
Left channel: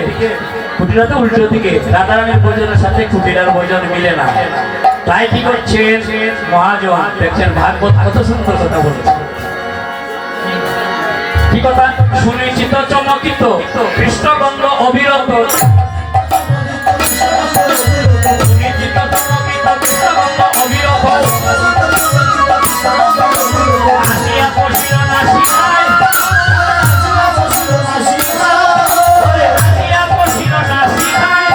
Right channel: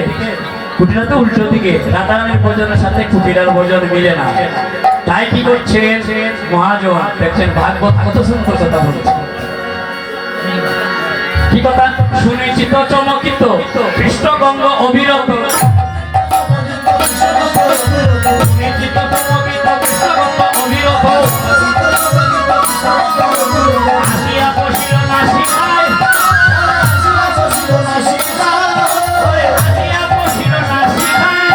কুটিলা তো উল্টো দিকে। রাধারানীর ভোজনের সাথে কুটিলার ভোজন মিলে না। তাই কি করছেন মহাজন? দেখছেন ভাগবত কত সুন্দর কথা বলছে। কি কথা? সুনিশ্চিত চমকিত কৃষ্ণগন্ধ অবিরত, সুনিশ্চিত চমকিত কৃষ্ণগন্ধ অবিরত। আসিয়া বসিল নাসিকায়, আসিয়া বসিল নাসিকায়,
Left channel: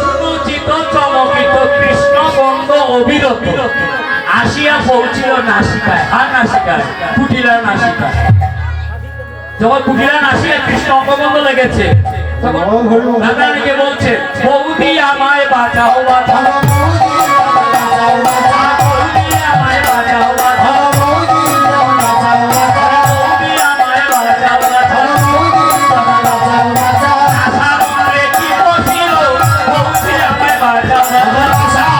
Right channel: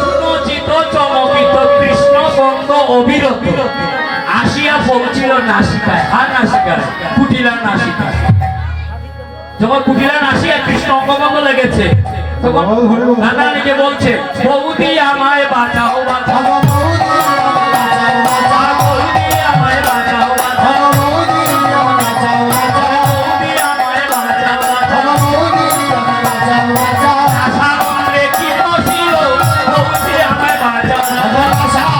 সুনিশ্চিত চমকিত কৃষ্ণগন্ধ অবিরত। আসিয়া পৌঁছিল নাসিকায়। আর নাসিকায় কুটিলার নাসিকায়। যখন কুটিলার নাসিকায় কৃষ্ণ অঙ্গভঙ্গ লেগেছে, তখন রাধারানীকে বলছে বৌদি আমায় বাঁচাও বাঁচাও, বৌদি আমায় বাঁচাও বাঁচাও, বৌদি আমায় বাঁচাও বাঁচাও। আশার অঙ্গে কি বসিল, বৌদি আমায় বাঁচাও বাঁচাও। আশার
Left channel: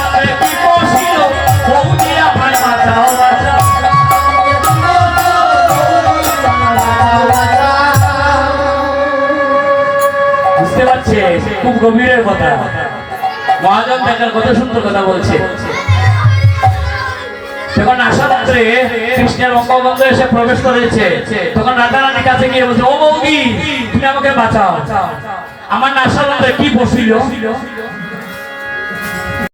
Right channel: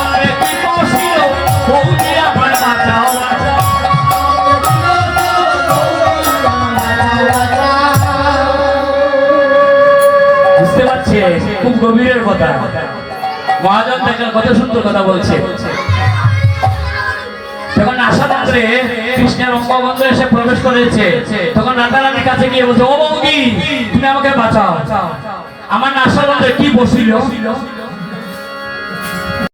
অঙ্গে কি বসিল, বৌদি আমায় বাঁচাও বাঁচাও। বুঝতে পারছে? খুব গভীরের কথা। মহাজন দেখার কত সুন্দর কথা বলছে। যখন আশাদন্ত্রে কৃষ্ণের অঙ্গগন্ধ এসে প্রবেশ করেছে, তখন রাধারানীর কাছে গিয়ে বলছে ও বৌদি তুমি আমাকে বাঁচাও। আমার আশাদন্ত্রে কি বসিল,